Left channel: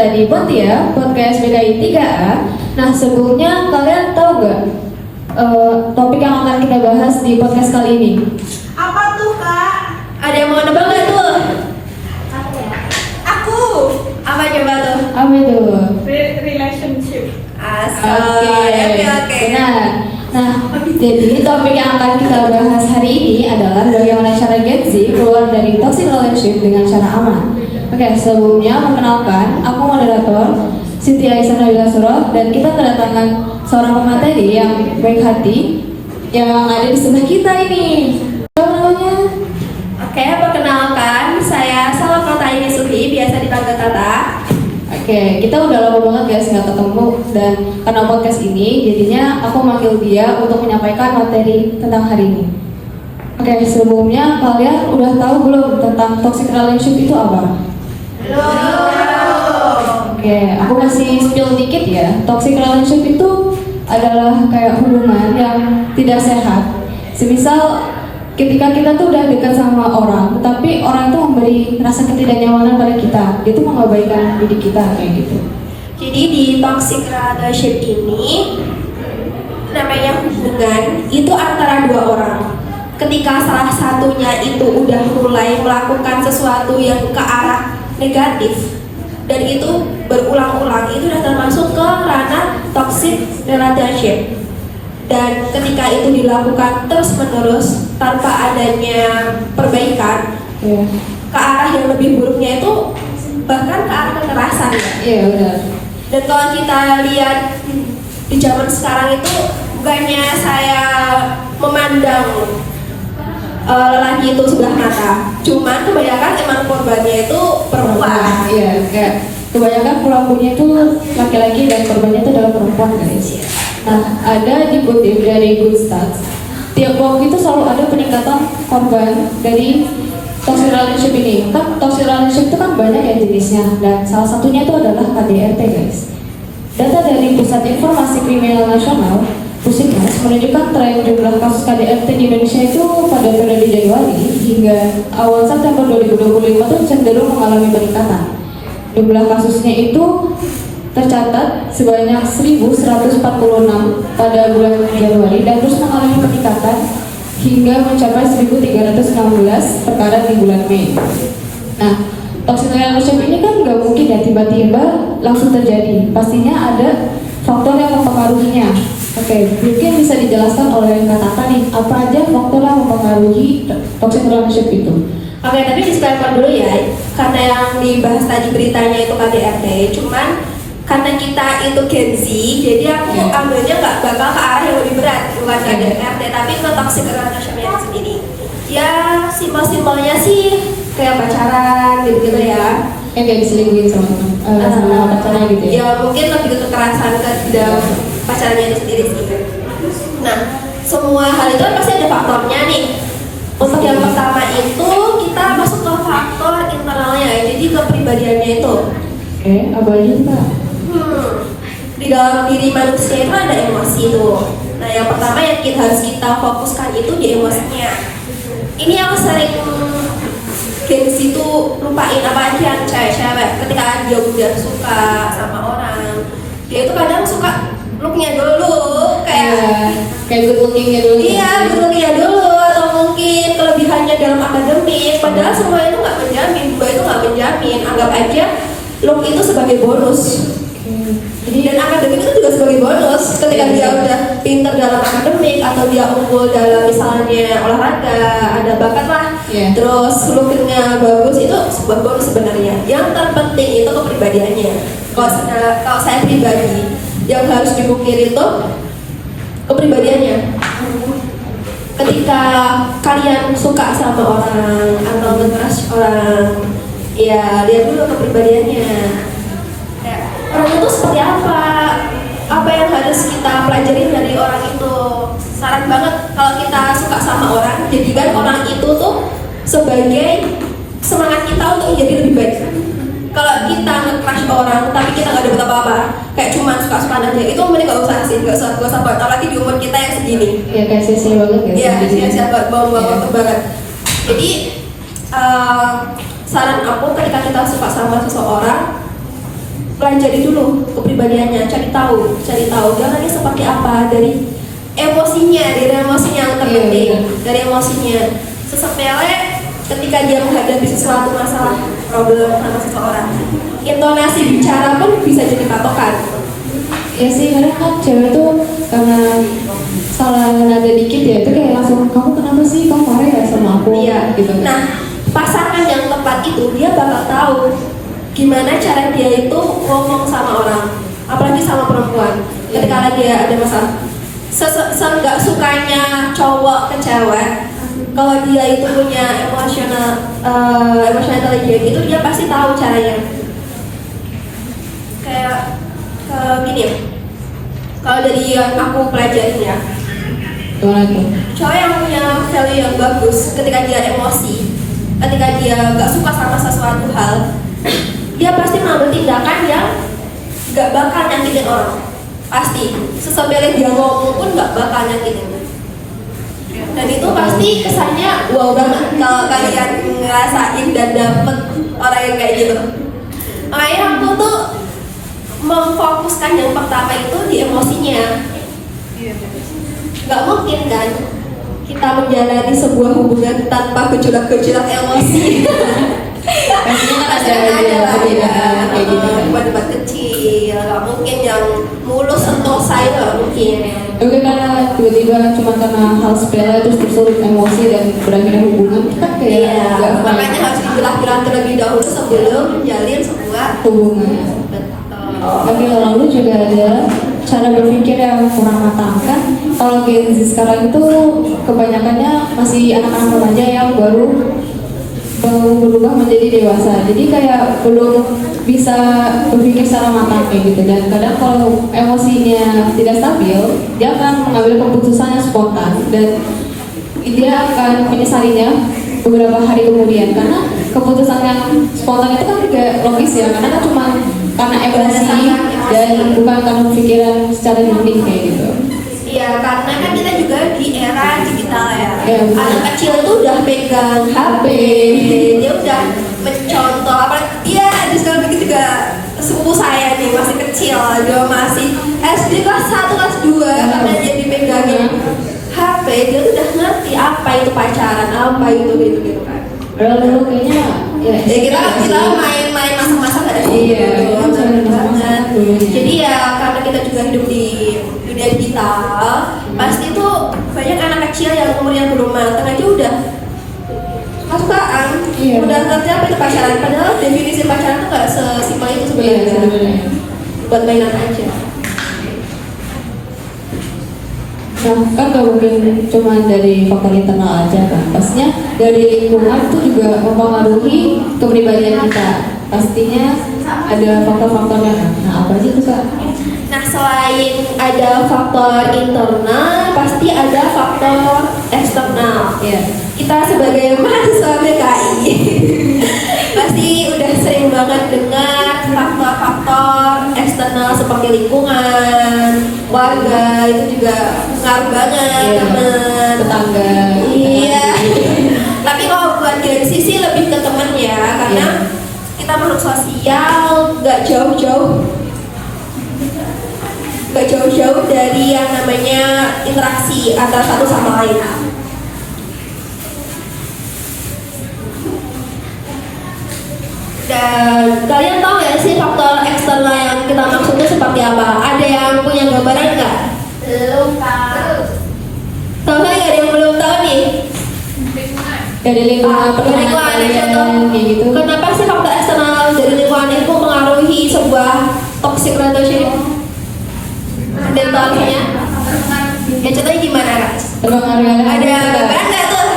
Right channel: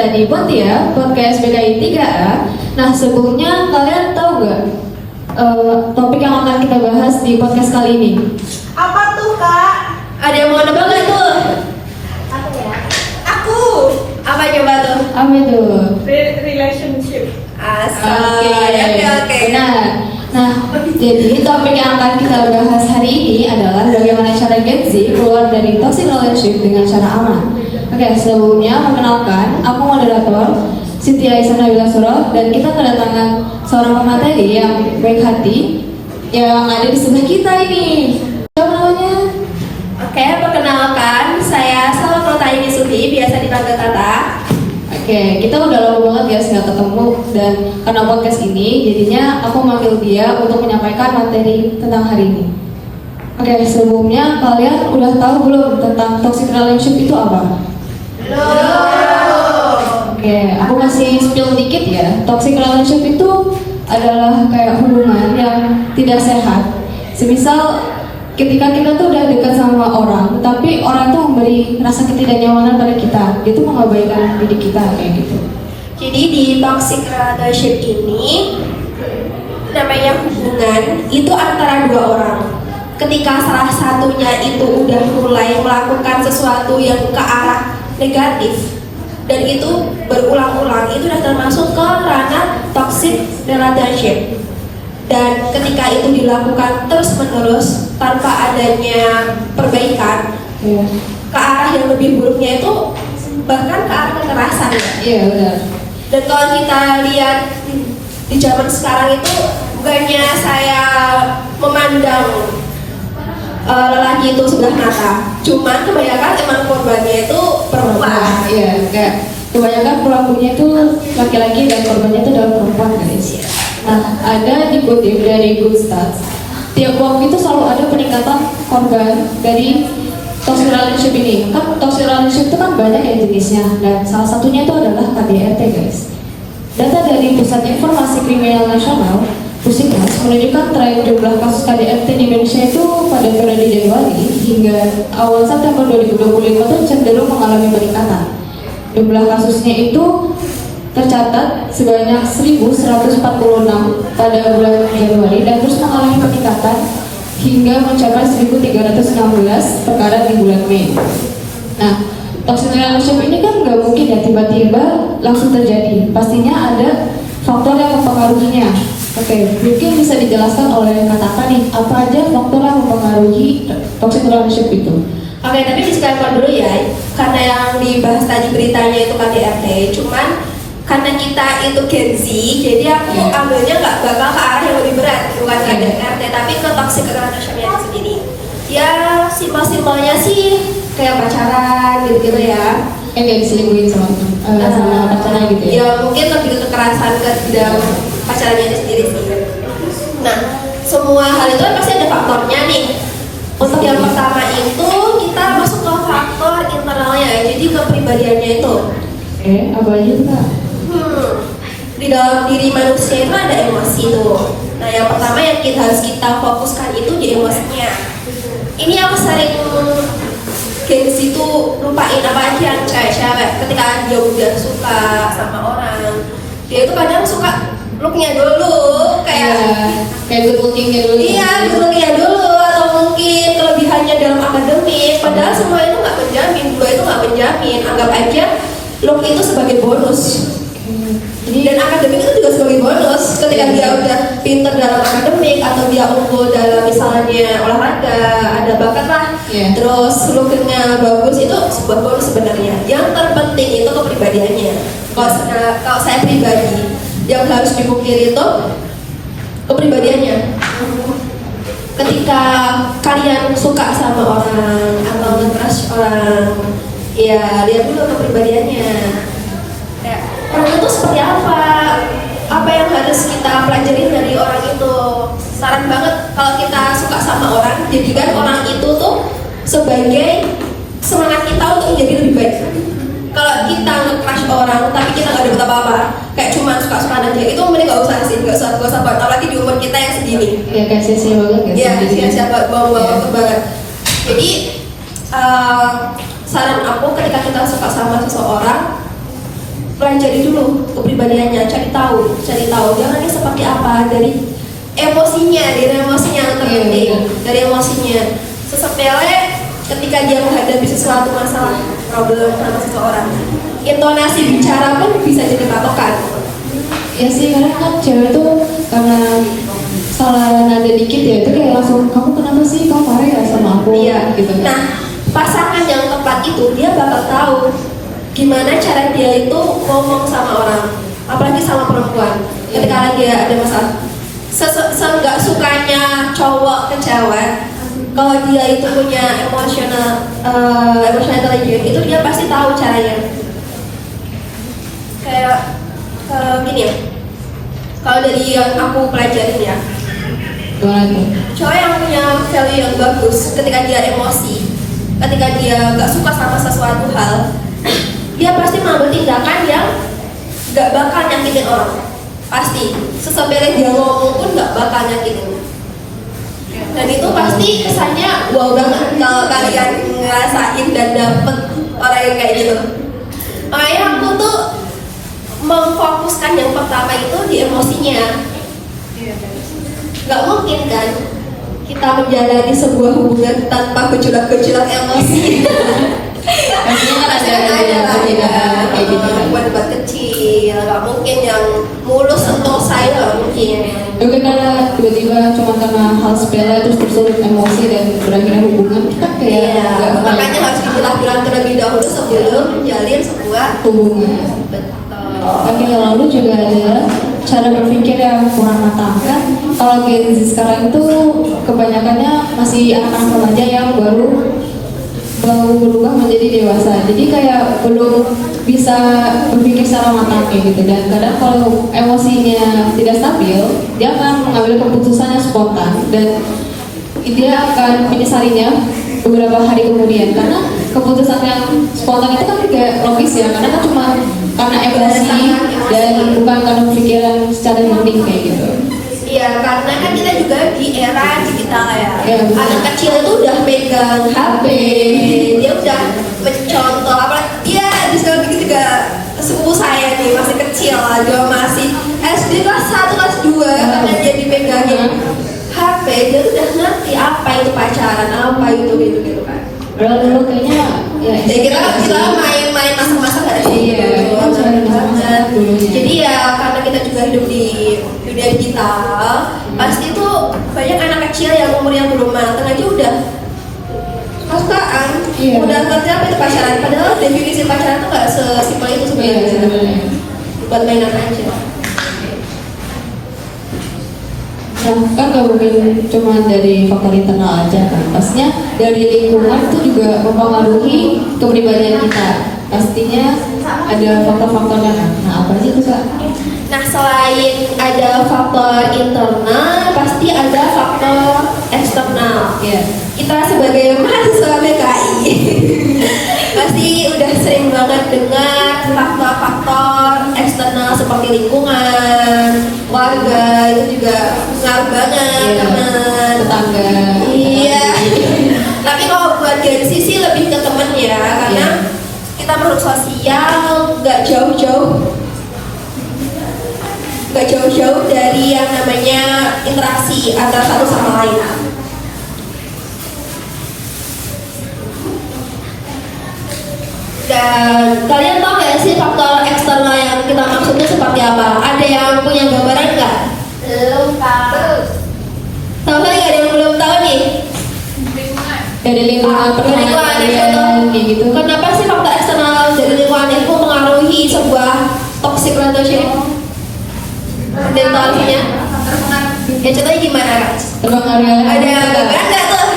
sudah di Pontia, podcast BKI 3A. Nah, sebelumnya kalian tahu nggak topik yang akan kita bahas di podcast kali ini? Apa tuh, Kak? Ada yang mau nebak nggak tuh? Aku ya. Aku. Apa coba tuh? Apa itu? Relationship. Oke. Nah, jadi topik yang akan kita bahas hari ini adalah bagaimana cara Gen Z keluar dari toxic relationship dengan cara aman. Oke, sebelumnya perkenalkan, aku moderator Siti Aisyah Wilasoro dan kita kedatangan seorang pemateri yang baik hati yang ada di sebelah kita ini. Siapa namanya? Oke, perkenalkan, saya Salwa Tayini Sufi, biasa dipanggil Tata. Oke, kita udah lama banget guys nggak ketemu dan karena podcast ini jadinya aku manggil dia untuk menyampaikan materi tentang hari ini. Oke, sebelumnya kalian udah tahu belum tentang toxic relationship itu apa? Oke, aku kasih spill dikit ya. Toxic relationship itu adalah kayak hubungan yang tidak sehat. Semisal ketika kita tuh udah dekat sama orang, tetapi orang itu memberi rasa ketidaknyamanan pada kita, itu mengabaikan diri kita kayak gitu. Jadi di toxic relationship ini namanya hubungan itu antara dua orang. Ketika salah satunya itu udah mulai melakukan sesuatu yang ke arah negatif dan itu berulang-ulang, itu sudah termasuk ke ranah toxic relationship. Dan ketika itu dilakukan terus-menerus tanpa adanya perbaikan, ke arah yang lebih buruknya itu bahkan ke arah kekerasan. Iya benar. Dan kalau kita lihat di zaman sekarang itu bukannya saya memandang lelaki itu sudah mata, cuman kebanyakan emang korbannya itu perempuan. Iya, kayak kebanyakan pelakunya itu laki-laki dan korbannya itu adalah perempuan guys. Nah, ada dikutip dari Good Stats, tiap waktu itu selalu ada peningkatan korban dari toxic relationship ini. Kan toxic relationship itu kan banyak ya jenisnya dan salah satunya itu adalah KDRT guys. Data dari Pusat Informasi Kriminal Nasional Pusimas menunjukkan tren jumlah kasus KDRT di Indonesia itu pada periode Januari hingga awal September 2025 itu cenderung mengalami peningkatan. Jumlah kasusnya itu tercatat sebanyak 1.146 pada bulan Januari dan terus mengalami peningkatan hingga mencapai 1.316 perkara di bulan Mei. Nah, toxic relationship ini kan nggak mungkin ya tiba-tiba langsung terjadi. Pastinya ada faktor yang mempengaruhinya. Oke, mungkin bisa dijelaskan oleh Kak nih, apa aja faktor yang mempengaruhi toxic relationship itu? Oke, tapi disclaimer dulu ya, karena yang dibahas tadi beritanya itu KDRT, cuman karena kita itu Gen Z, jadi aku ambilnya nggak bakal ke arah yang lebih berat, bukan KDRT, tapi ke toxic relationship itu sendiri. Ya, simpel-simpelnya sih kayak pacaran gitu ya. Kayak diselingkuhin sama pacarnya gitu ya? Ya, mungkin lebih kekerasan ke dalam pacarnya itu sendiri. Nah, semua hal itu kan pasti ada faktornya nih. Untuk yang pertama itu kita masuk ke faktor internalnya, jadi kepribadiannya itu. Oke, apa aja Kak? Di dalam diri manusia itu ada emosi tuh. Nah, yang pertama yang harus kita fokuskan itu di emosinya. Ini yang sering Gen Z itu lupain apa aja kayak ketika dia udah suka sama orang, dia itu kadang suka looknya dulu kayak good lookingnya dulu. Iya, good lookingnya dulu atau mungkin kelebihannya dalam akademik, padahal semua itu nggak menjamin, dua itu nggak menjamin. Anggap aja look itu sebagai bonus. Jadi dan akademik itu juga sebagai bonus. Ketika dia udah pinter dalam akademik atau dia unggul dalam misalnya olahraga, ada bakat lah, terus lookingnya bagus, itu sebuah bonus sebenarnya. Yang terpenting itu kepribadiannya. Kalau saya pribadi, yang harus dipikir itu kepribadiannya. Ketika kalian suka sama orang atau nge-crush orang, ya lihat dulu kepribadiannya. Orang itu seperti apa yang harus kita pelajari dari orang itu. Saran banget kalau kita suka sama orang, jadikan orang itu tuh sebagai semangat kita untuk menjadi lebih baik. Kalau kita nge-crush ke orang tapi kita nggak dapat apa-apa, kayak cuma suka-suka aja, itu mending nggak usah sih, nggak usah buat, apalagi di umur kita yang segini. Ya kayak sia-sia banget ya. Iya, sia-sia banget. Jadi saran aku ketika kita suka sama seseorang, pelajari dulu kepribadiannya, cari tahu jangan seperti apa dari emosinya dari emosinya. Sesepele ketika dia menghadapi sesuatu masalah problem sama seseorang, intonasi bicara pun bisa jadi patokan. Ya sih, karena kan cewek tuh karena salah nada dikit ya, itu kayak langsung kamu kenapa sih, kamu marah gak sama aku? Iya, Gitu. nah pasangan yang tepat itu dia bakal tahu gimana cara dia itu ngomong sama orang, apalagi sama perempuan. Ketika dia ada masalah, nggak sukanya cowok ke cewek, kalau dia itu punya emotional intelligence itu dia pasti tahu caranya. Kayak gini ya, kalau dari yang aku pelajarin ya, cowok yang punya value yang bagus ketika dia emosi, ketika dia nggak suka sama sesuatu hal, dia pasti mengambil tindakan yang nggak bakal nyakitin orang. Pasti sesebele dia ngomong pun nggak bakal nyakitin. Dan itu pasti kesannya wow banget kalau kalian ngerasain dan dapet orang yang kayak gitu. Makanya aku tuh memfokuskan yang pertama itu di emosinya. Nggak mungkin kan kita menjalani sebuah hubungan tanpa gejolak-gejolak emosi. Pastinya ada debat kecil, nggak mungkin yang mulus sentosa itu nggak mungkin. Karena tiba-tiba cuma karena hal sepele terus tersulut emosi dan berakhir hubungan, kita kayak nggak makanya harus dipilah-pilah terlebih dahulu sebelum menjalin sebuah hubungan. Tapi yang lalu juga ada cara berpikir yang kurang matang kan. Kalau Gen Z sekarang tuh kebanyakannya masih anak-anak remaja yang baru berubah menjadi dewasa. Jadi kayak belum bisa berpikir secara matang kayak gitu. Dan kadang kalau emosinya tidak stabil, dia akan mengambil keputusan yang spontan dan dia akan menyesalinya beberapa hari kemudian, karena keputusan yang spontan itu kan juga logis ya, karena kan cuma karena emosi dan bukan karena pikiran secara jernih kayak gitu. Iya, karena kan kita juga di era digital ya. Anak kecil itu udah pegang HP, dia udah mencontoh apa? Dia ada sekarang juga sepupu saya nih masih kecil aja, masih SD kelas 1 kelas 2 karena jadi pegangin HP, dia udah ngerti apa itu pacaran, apa itu gitu kan. Padahal dulu kayaknya ya kita main masa-masa ada iya, banget. Jadi ya karena kita juga hidup di dunia digital, pasti tuh banyak anak kecil yang umurnya belum matang aja udah kasukaan, udah ngerti apa itu pacaran. Padahal definisi pacaran tuh nggak sesimpel itu sebenarnya. Buat main apa aja. Nah, kan kalau bukan cuma dari faktor internal aja kan, pastinya dari lingkungan itu juga mempengaruhi kepribadian kita. Pastinya ada faktor-faktor yang apa aja tuh Kak? Nah, selain ada faktor internal, pasti ada faktor eksternal. Iya. Kita sebagai mahasiswa PKI pasti udah sering banget dengar faktor-faktor eksternal seperti lingkungan, warga itu juga pengaruh banget, teman, tetangga. Iya. Tapi kalau buat dari sisi lebih ke temennya, karena kita makhluk sosial, nggak jauh-jauh dari yang namanya interaksi antara satu sama lain. Dan kalian tahu nggak sih faktor eksternal yang kita maksud itu seperti apa? Ada yang punya gambaran nggak? Belum tahu. Tahu nggak yang belum tahu nih? Dari lingkungan kayak gitu. Kenapa sih faktor eksternal dari lingkungan itu mengaruhi sebuah toxic relationship? Mentalnya? Ya contohnya gimana guys? Ada gambaran nggak tuh?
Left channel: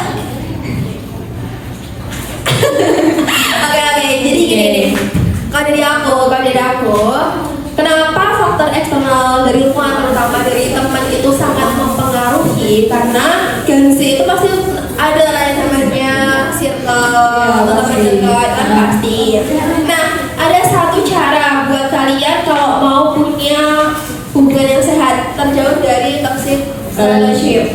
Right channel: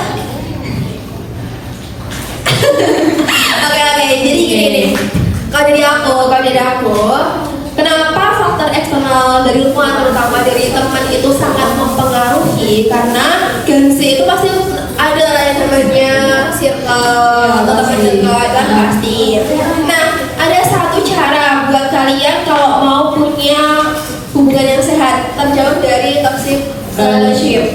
Oke, jadi gini nih. Kalau dari aku, kenapa faktor eksternal dari lingkungan terutama dari teman itu sangat mempengaruhi? Karena Gen Z itu pasti ada yang namanya circle, teman circle kan pasti. Nah, ada satu cara buat kalian kalau mau punya hubungan yang sehat, terjauh dari toxic relationship.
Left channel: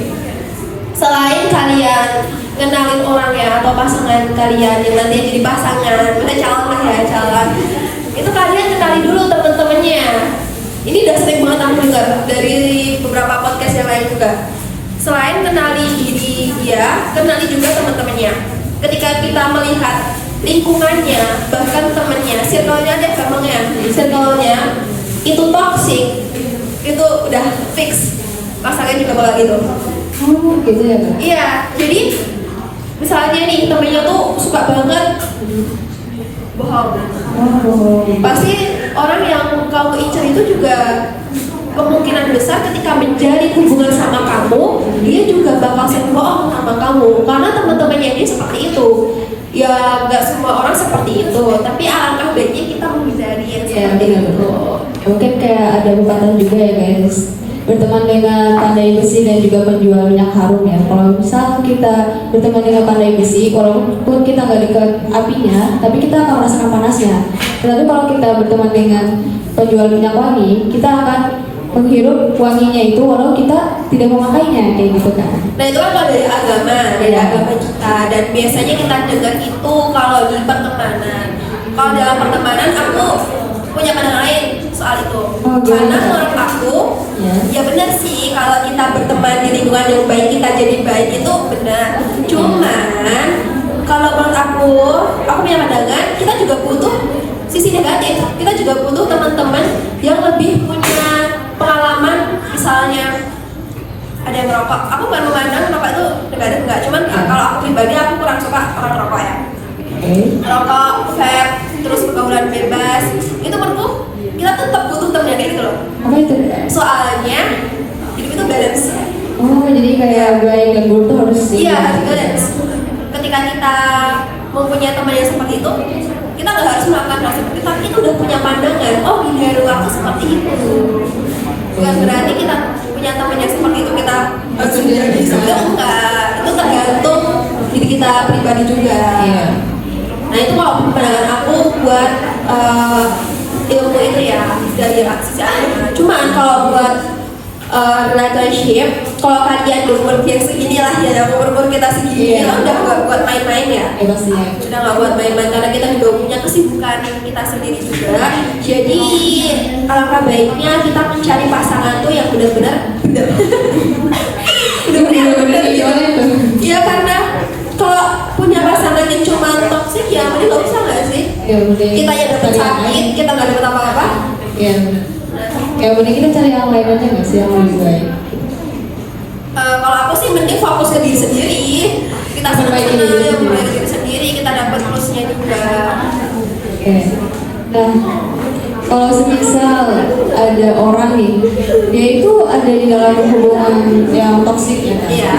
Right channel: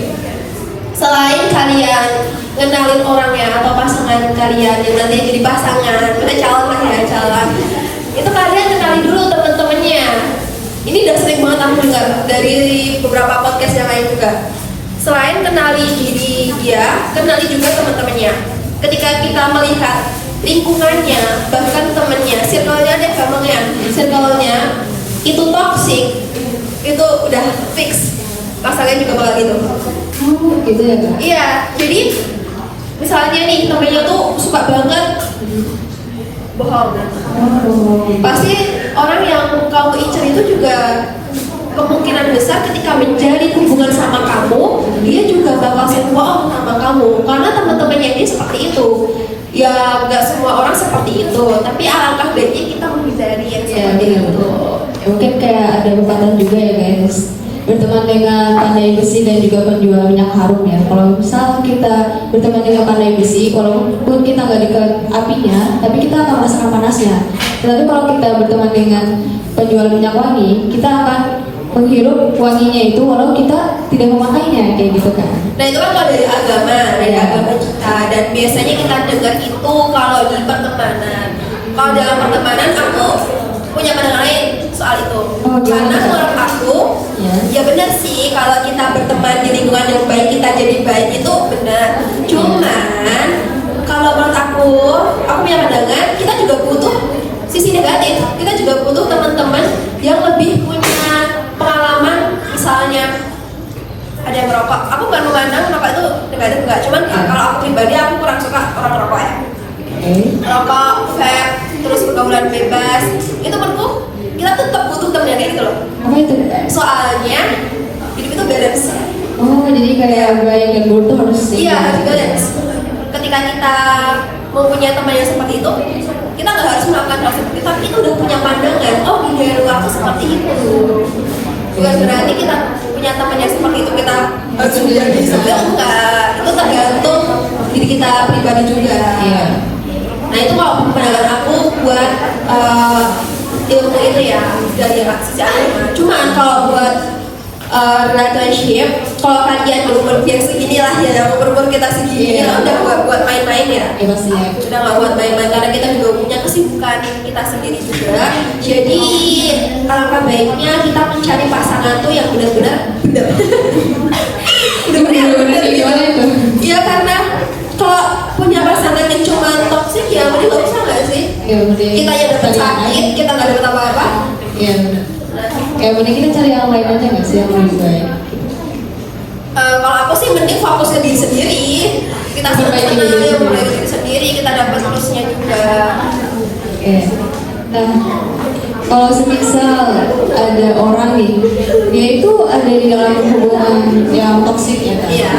Selain kalian kenalin orangnya atau pasangan kalian yang nanti jadi pasangan, udah calon lah ya calon. Itu kalian kenali dulu teman pernah dengar dari beberapa podcast yang lain juga. Selain kenali diri dia, kenali juga teman-temannya. Ketika kita melihat lingkungannya, bahkan temannya, circle-nya deh gampangnya, circle-nya itu toxic, itu udah fix masalahnya juga bakal gitu. Gitu ya Kak? Iya, jadi misalnya nih temennya tuh suka banget bohong. Pasti orang yang kamu incar itu juga kemungkinan besar ketika menjalin hubungan sama kamu, dia juga bakal sering bohong sama kamu. Karena teman-temannya dia seperti itu. Ya nggak semua orang seperti itu, tapi alangkah baiknya kita menghindari yang seperti itu. Ya, mungkin kayak ada pepatah juga ya guys, berteman dengan pandai besi dan juga penjual minyak harum ya. Kalau misal kita berteman dengan pandai besi, walaupun kita nggak dekat apinya, tapi kita akan merasakan panasnya. Tapi kalau kita berteman dengan penjual minyak wangi, kita akan menghirup wanginya itu walau kita tidak memakainya, kayak gitu kan. Nah itu kan kalau dari agama kita, dan biasanya kita dengar itu kalau di pertemanan. Kalau dalam pertemanan aku punya pandangan lain soal itu. Karena menurut aku, ya benar sih kalau kita berteman di lingkungan yang baik kita jadi baik itu benar. Cuman kalau menurut aku punya pandangan kita juga butuh sisi negatif. Kita juga butuh teman-teman yang lebih punya pengalaman, misalnya ada yang merokok. Aku bukan memandang merokok itu negatif enggak, cuman kalau aku pribadi aku kurang suka orang merokok ya. Merokok, vape, terus pergaulan bebas, itu menurutku kita tetap butuh teman gitu loh. Soalnya itu balance. Oh, jadi kayak baik dan buruk tuh harus Iya, balance. Ketika kita mempunyai teman yang seperti itu, kita nggak harus melakukan hal seperti itu, tapi kita udah punya pandangan. Oh, dunia luar aku seperti itu. Bukan berarti kita punya teman yang seperti itu kita harus menjadi enggak. Itu tergantung diri kita pribadi juga. Iya. Nah itu kalau pandangan aku buat ilmu itu ya dari sisi agama. Cuman kalau buat relationship, kalau kalian berpikir seginilah ya, berpikir kita segini, kita udah nggak buat main-main ya. Iya sih. Udah nggak buat main-main karena kita juga punya kesibukan kita sendiri juga. Jadi alangkah baiknya kita mencari pasangan tuh yang benar-benar Bener-bener gimana itu? Iya karena kalau punya pasangan yang cuma toksik ya mending nggak usah nggak sih? Ya mending Kita yang dapat sakit, kita nggak dapat apa-apa. Iya benar. Ya mending kita cari yang lain aja nggak sih, kalau lebih baik. Kalau aku sih mending fokus ke diri sendiri. Kita Perbaiki diri diri sendiri, kita dapat plusnya juga. Oke. Nah, kalau semisal ada orang nih, dia itu ada di dalam hubungan yang toksik ya kan? Iya.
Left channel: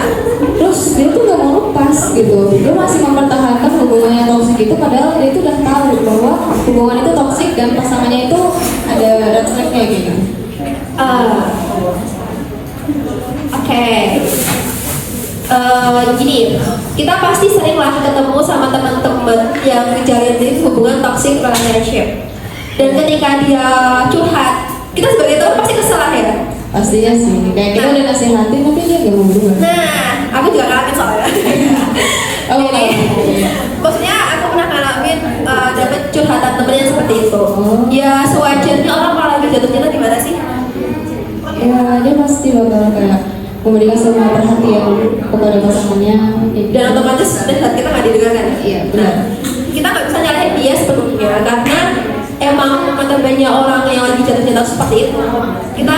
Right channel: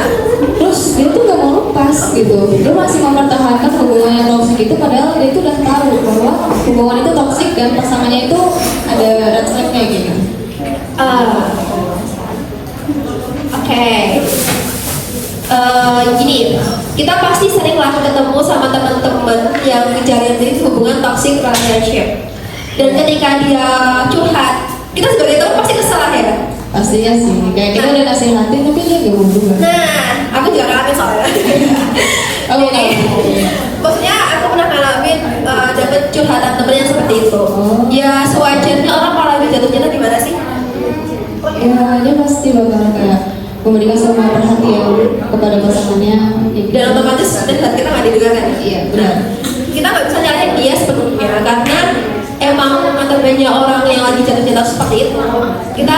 Terus dia tuh gak mau lepas gitu, dia masih mempertahankan hubungan yang toksik itu, padahal dia itu udah tahu bahwa hubungan itu toksik dan pasangannya itu ada red flag-nya gitu. Oke. Gini, kita pasti sering lah ketemu sama teman-teman yang menjalin hubungan toxic relationship. Dan ketika dia curhat, kita sebagai teman pasti kesal ya. Pastinya sih, kayak kita udah ngasih hati tapi dia gak mau juga. Nah, aku juga ngalamin soalnya. Kamu tahu? Maksudnya aku pernah ngalamin dapet curhatan temennya seperti itu. Ya sewajarnya orang kalau lagi jatuh-jatuh gimana sih? Ya, dia pasti bakal kayak memberikan semua perhatian kepada pasangannya. Dan otomatis dan kita nggak didengarkan. Iya, benar. Kita nggak bisa nyalain dia sepenuhnya karena emang banyak orang yang lagi jatuh-jatuh seperti itu. Kita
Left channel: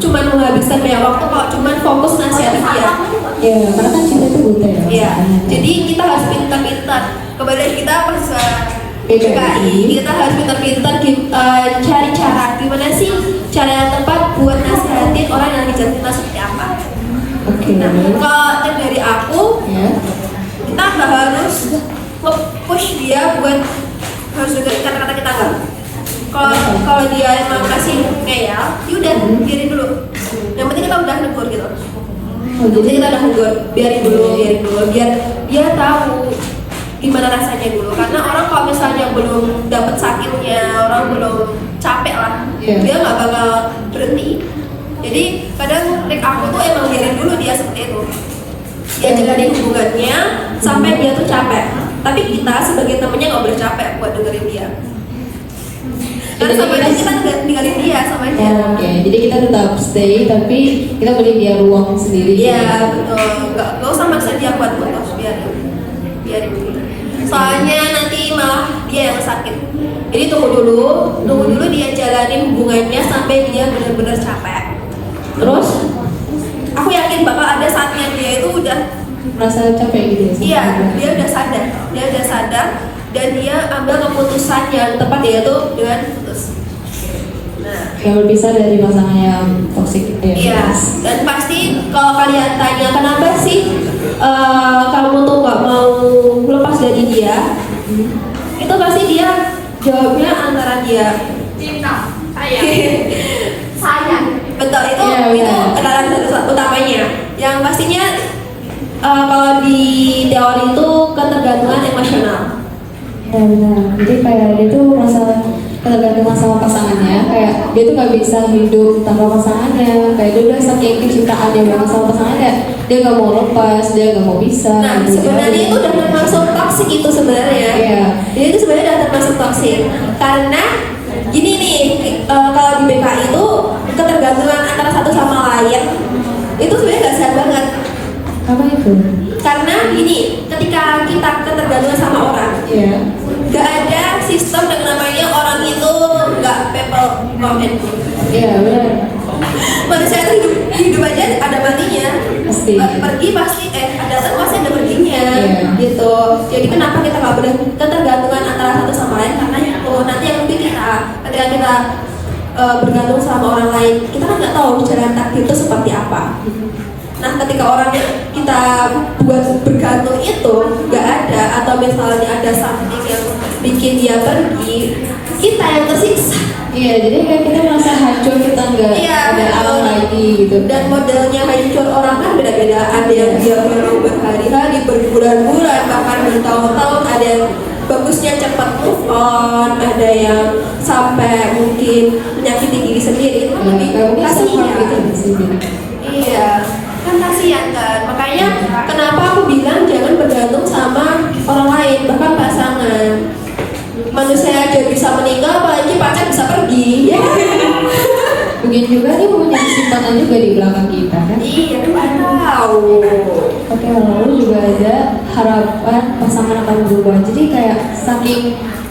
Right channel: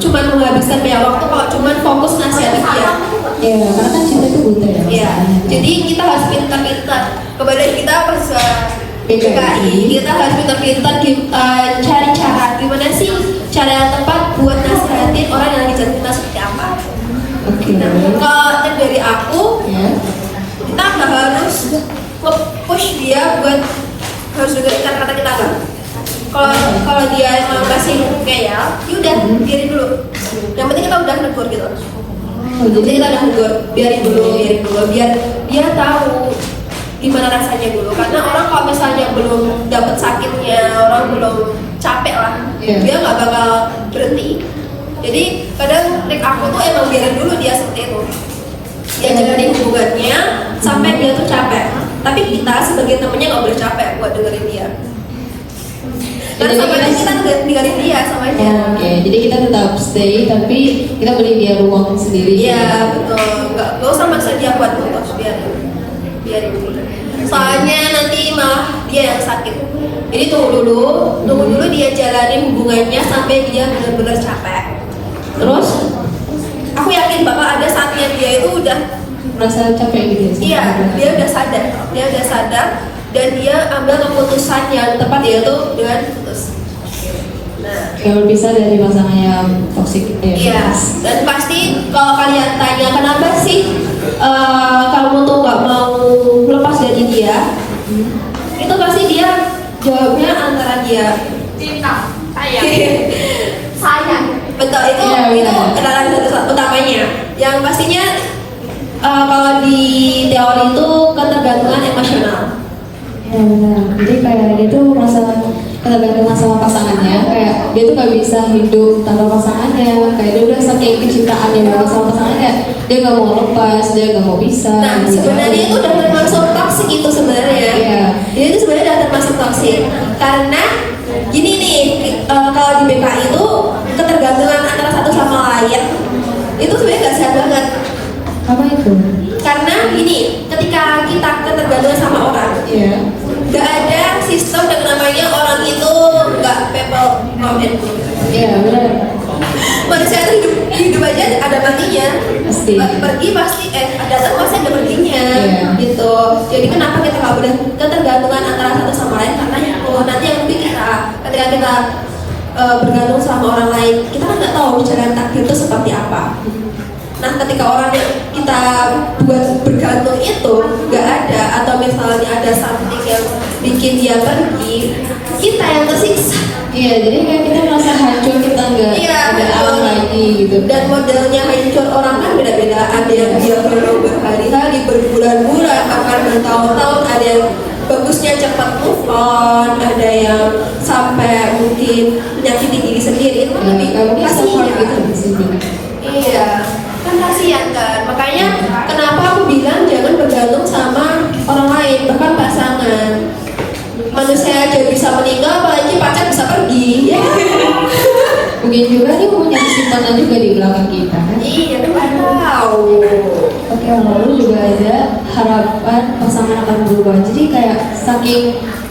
cuma menghabiskan banyak waktu kalau cuma fokus nasihat dia. Iya, karena cinta itu buta ya. Iya. Jadi kita harus pintar-pintar. Kemudian kita harus kita harus pintar-pintar cara-cara gimana sih cara yang tepat buat nasihatin orang yang lagi jatuh seperti apa. Oke. Kalau dari aku, kita nggak harus push dia buat harus dengerin kata-kata kita nggak. Kalau dia emang masih ngeyel, yaudah biarin dulu. Yang penting kita udah negur gitu. Jadi kita negur, biarin dulu, biar dia tahu gimana rasanya dulu. Karena orang kalau misalnya belum dapet sakitnya, orang belum capek lah, dia nggak bakal berhenti. Jadi kadang trik aku tuh emang biarin dulu dia seperti itu. Dia dengerin hubungannya sampai dia tuh capek. Tapi kita sebagai temennya nggak boleh capek buat dengerin dia. Karena sebenarnya kita nggak tinggalin dia sama aja. Oke, jadi kita tetap stay tapi kita beli dia ruang sendiri. Iya betul. Nggak usah maksa dia buat bolos, biar dulu. Soalnya nanti malah dia yang sakit. Jadi tunggu dulu dia jalanin hubungannya sampai dia benar-benar capek. Terus aku yakin bakal ada saatnya dia itu udah merasa capek gitu. Iya, dia udah sadar dan dia ambil keputusan yang tepat yaitu dan putus. Nah, yang bisa dari pasangan yang toxic dia. iya. Dan pasti kalau kalian tanya kenapa sih kamu tuh nggak mau lepas dari dia, itu pasti dia jawabnya antara dia cinta, sayang. Betul itu alasan utamanya. Yang pastinya kalau di teori itu ketergantungan emosional. Ya benar. Jadi kayak dia tuh merasa ketergantungan sama pasangannya, kayak dia tuh gak bisa hidup tanpa pasangannya, kayak dia udah saking kecintaan yang banget sama pasangannya, dia gak mau lepas, dia gak mau bisa. Nah sebenarnya itu udah termasuk toksik itu sebenarnya. Iya. Jadi itu sebenarnya udah termasuk toksik karena gini nih kalau di BKI itu ketergantungan antara satu sama lain itu sebenarnya gak sehat banget. Apa itu? Karena gini, ketika kita ketergantungan sama orang, Iya. gak ada sistem yang namanya orang itu gak people from and good. Iya benar. Manusia itu hidup aja ada matinya. Pasti. Pergi pasti ada pasti ada perginya. Iya. Gitu. Jadi kenapa kita gak boleh ketergantungan antara satu sama lain? Karena nanti yang penting kita ketika kita bergantung sama orang lain, kita kan nggak tahu jalan takdir itu seperti apa. Nah, ketika orang yang kita buat bergantung itu nggak ada, atau misalnya ada something yang bikin dia pergi, kita yang tersiksa. Iya, jadi kayak kita merasa hancur, kita nggak ada apa lagi gitu. Dan modelnya hancur orang kan beda-beda. Ada yang dia berhari-hari, berbulan-bulan, bahkan bertahun-tahun. Ada yang bagusnya cepat move on, ada yang sampai mungkin menyakiti diri sendiri. Itu lebih kasihan gitu. Iya. Kan kasihan kan, makanya kenapa aku bilang jangan bergantung sama orang lain, bahkan pasangan. Manusia aja bisa meninggal, apalagi pacar bisa pergi. Mungkin juga dia punya kesimpulan juga di belakang kita. Iya, kan tahu. Oke, lalu juga ada harapan pasangan akan berubah. Jadi kayak saking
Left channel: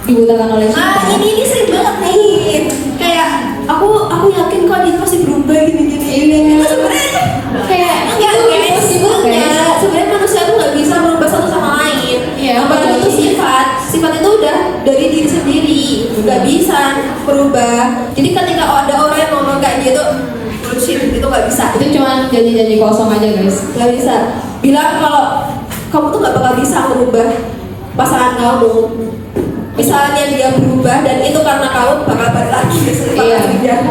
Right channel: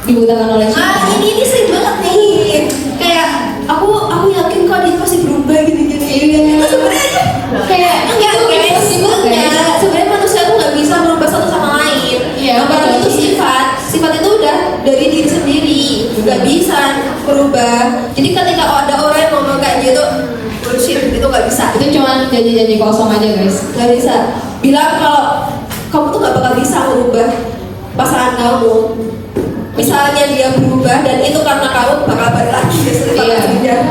dibutuhkan oleh Ini sering banget nih. Kayak aku yakin kok dia pasti berubah gitu jadi. Kayak sebenarnya manusia tuh nggak bisa merubah satu sama lain. Iya, apalagi itu sifat itu udah dari diri sendiri, nggak bisa berubah. Jadi ketika ada orang yang ngomong kayak gitu, bullshit, itu nggak bisa. itu cuma janji-janji kosong aja guys. Nggak bisa. Bilang kalau kamu tuh nggak bakal bisa merubah pasangan kamu. Misalnya dia berubah dan itu karena kamu bakal balik lagi. Iya.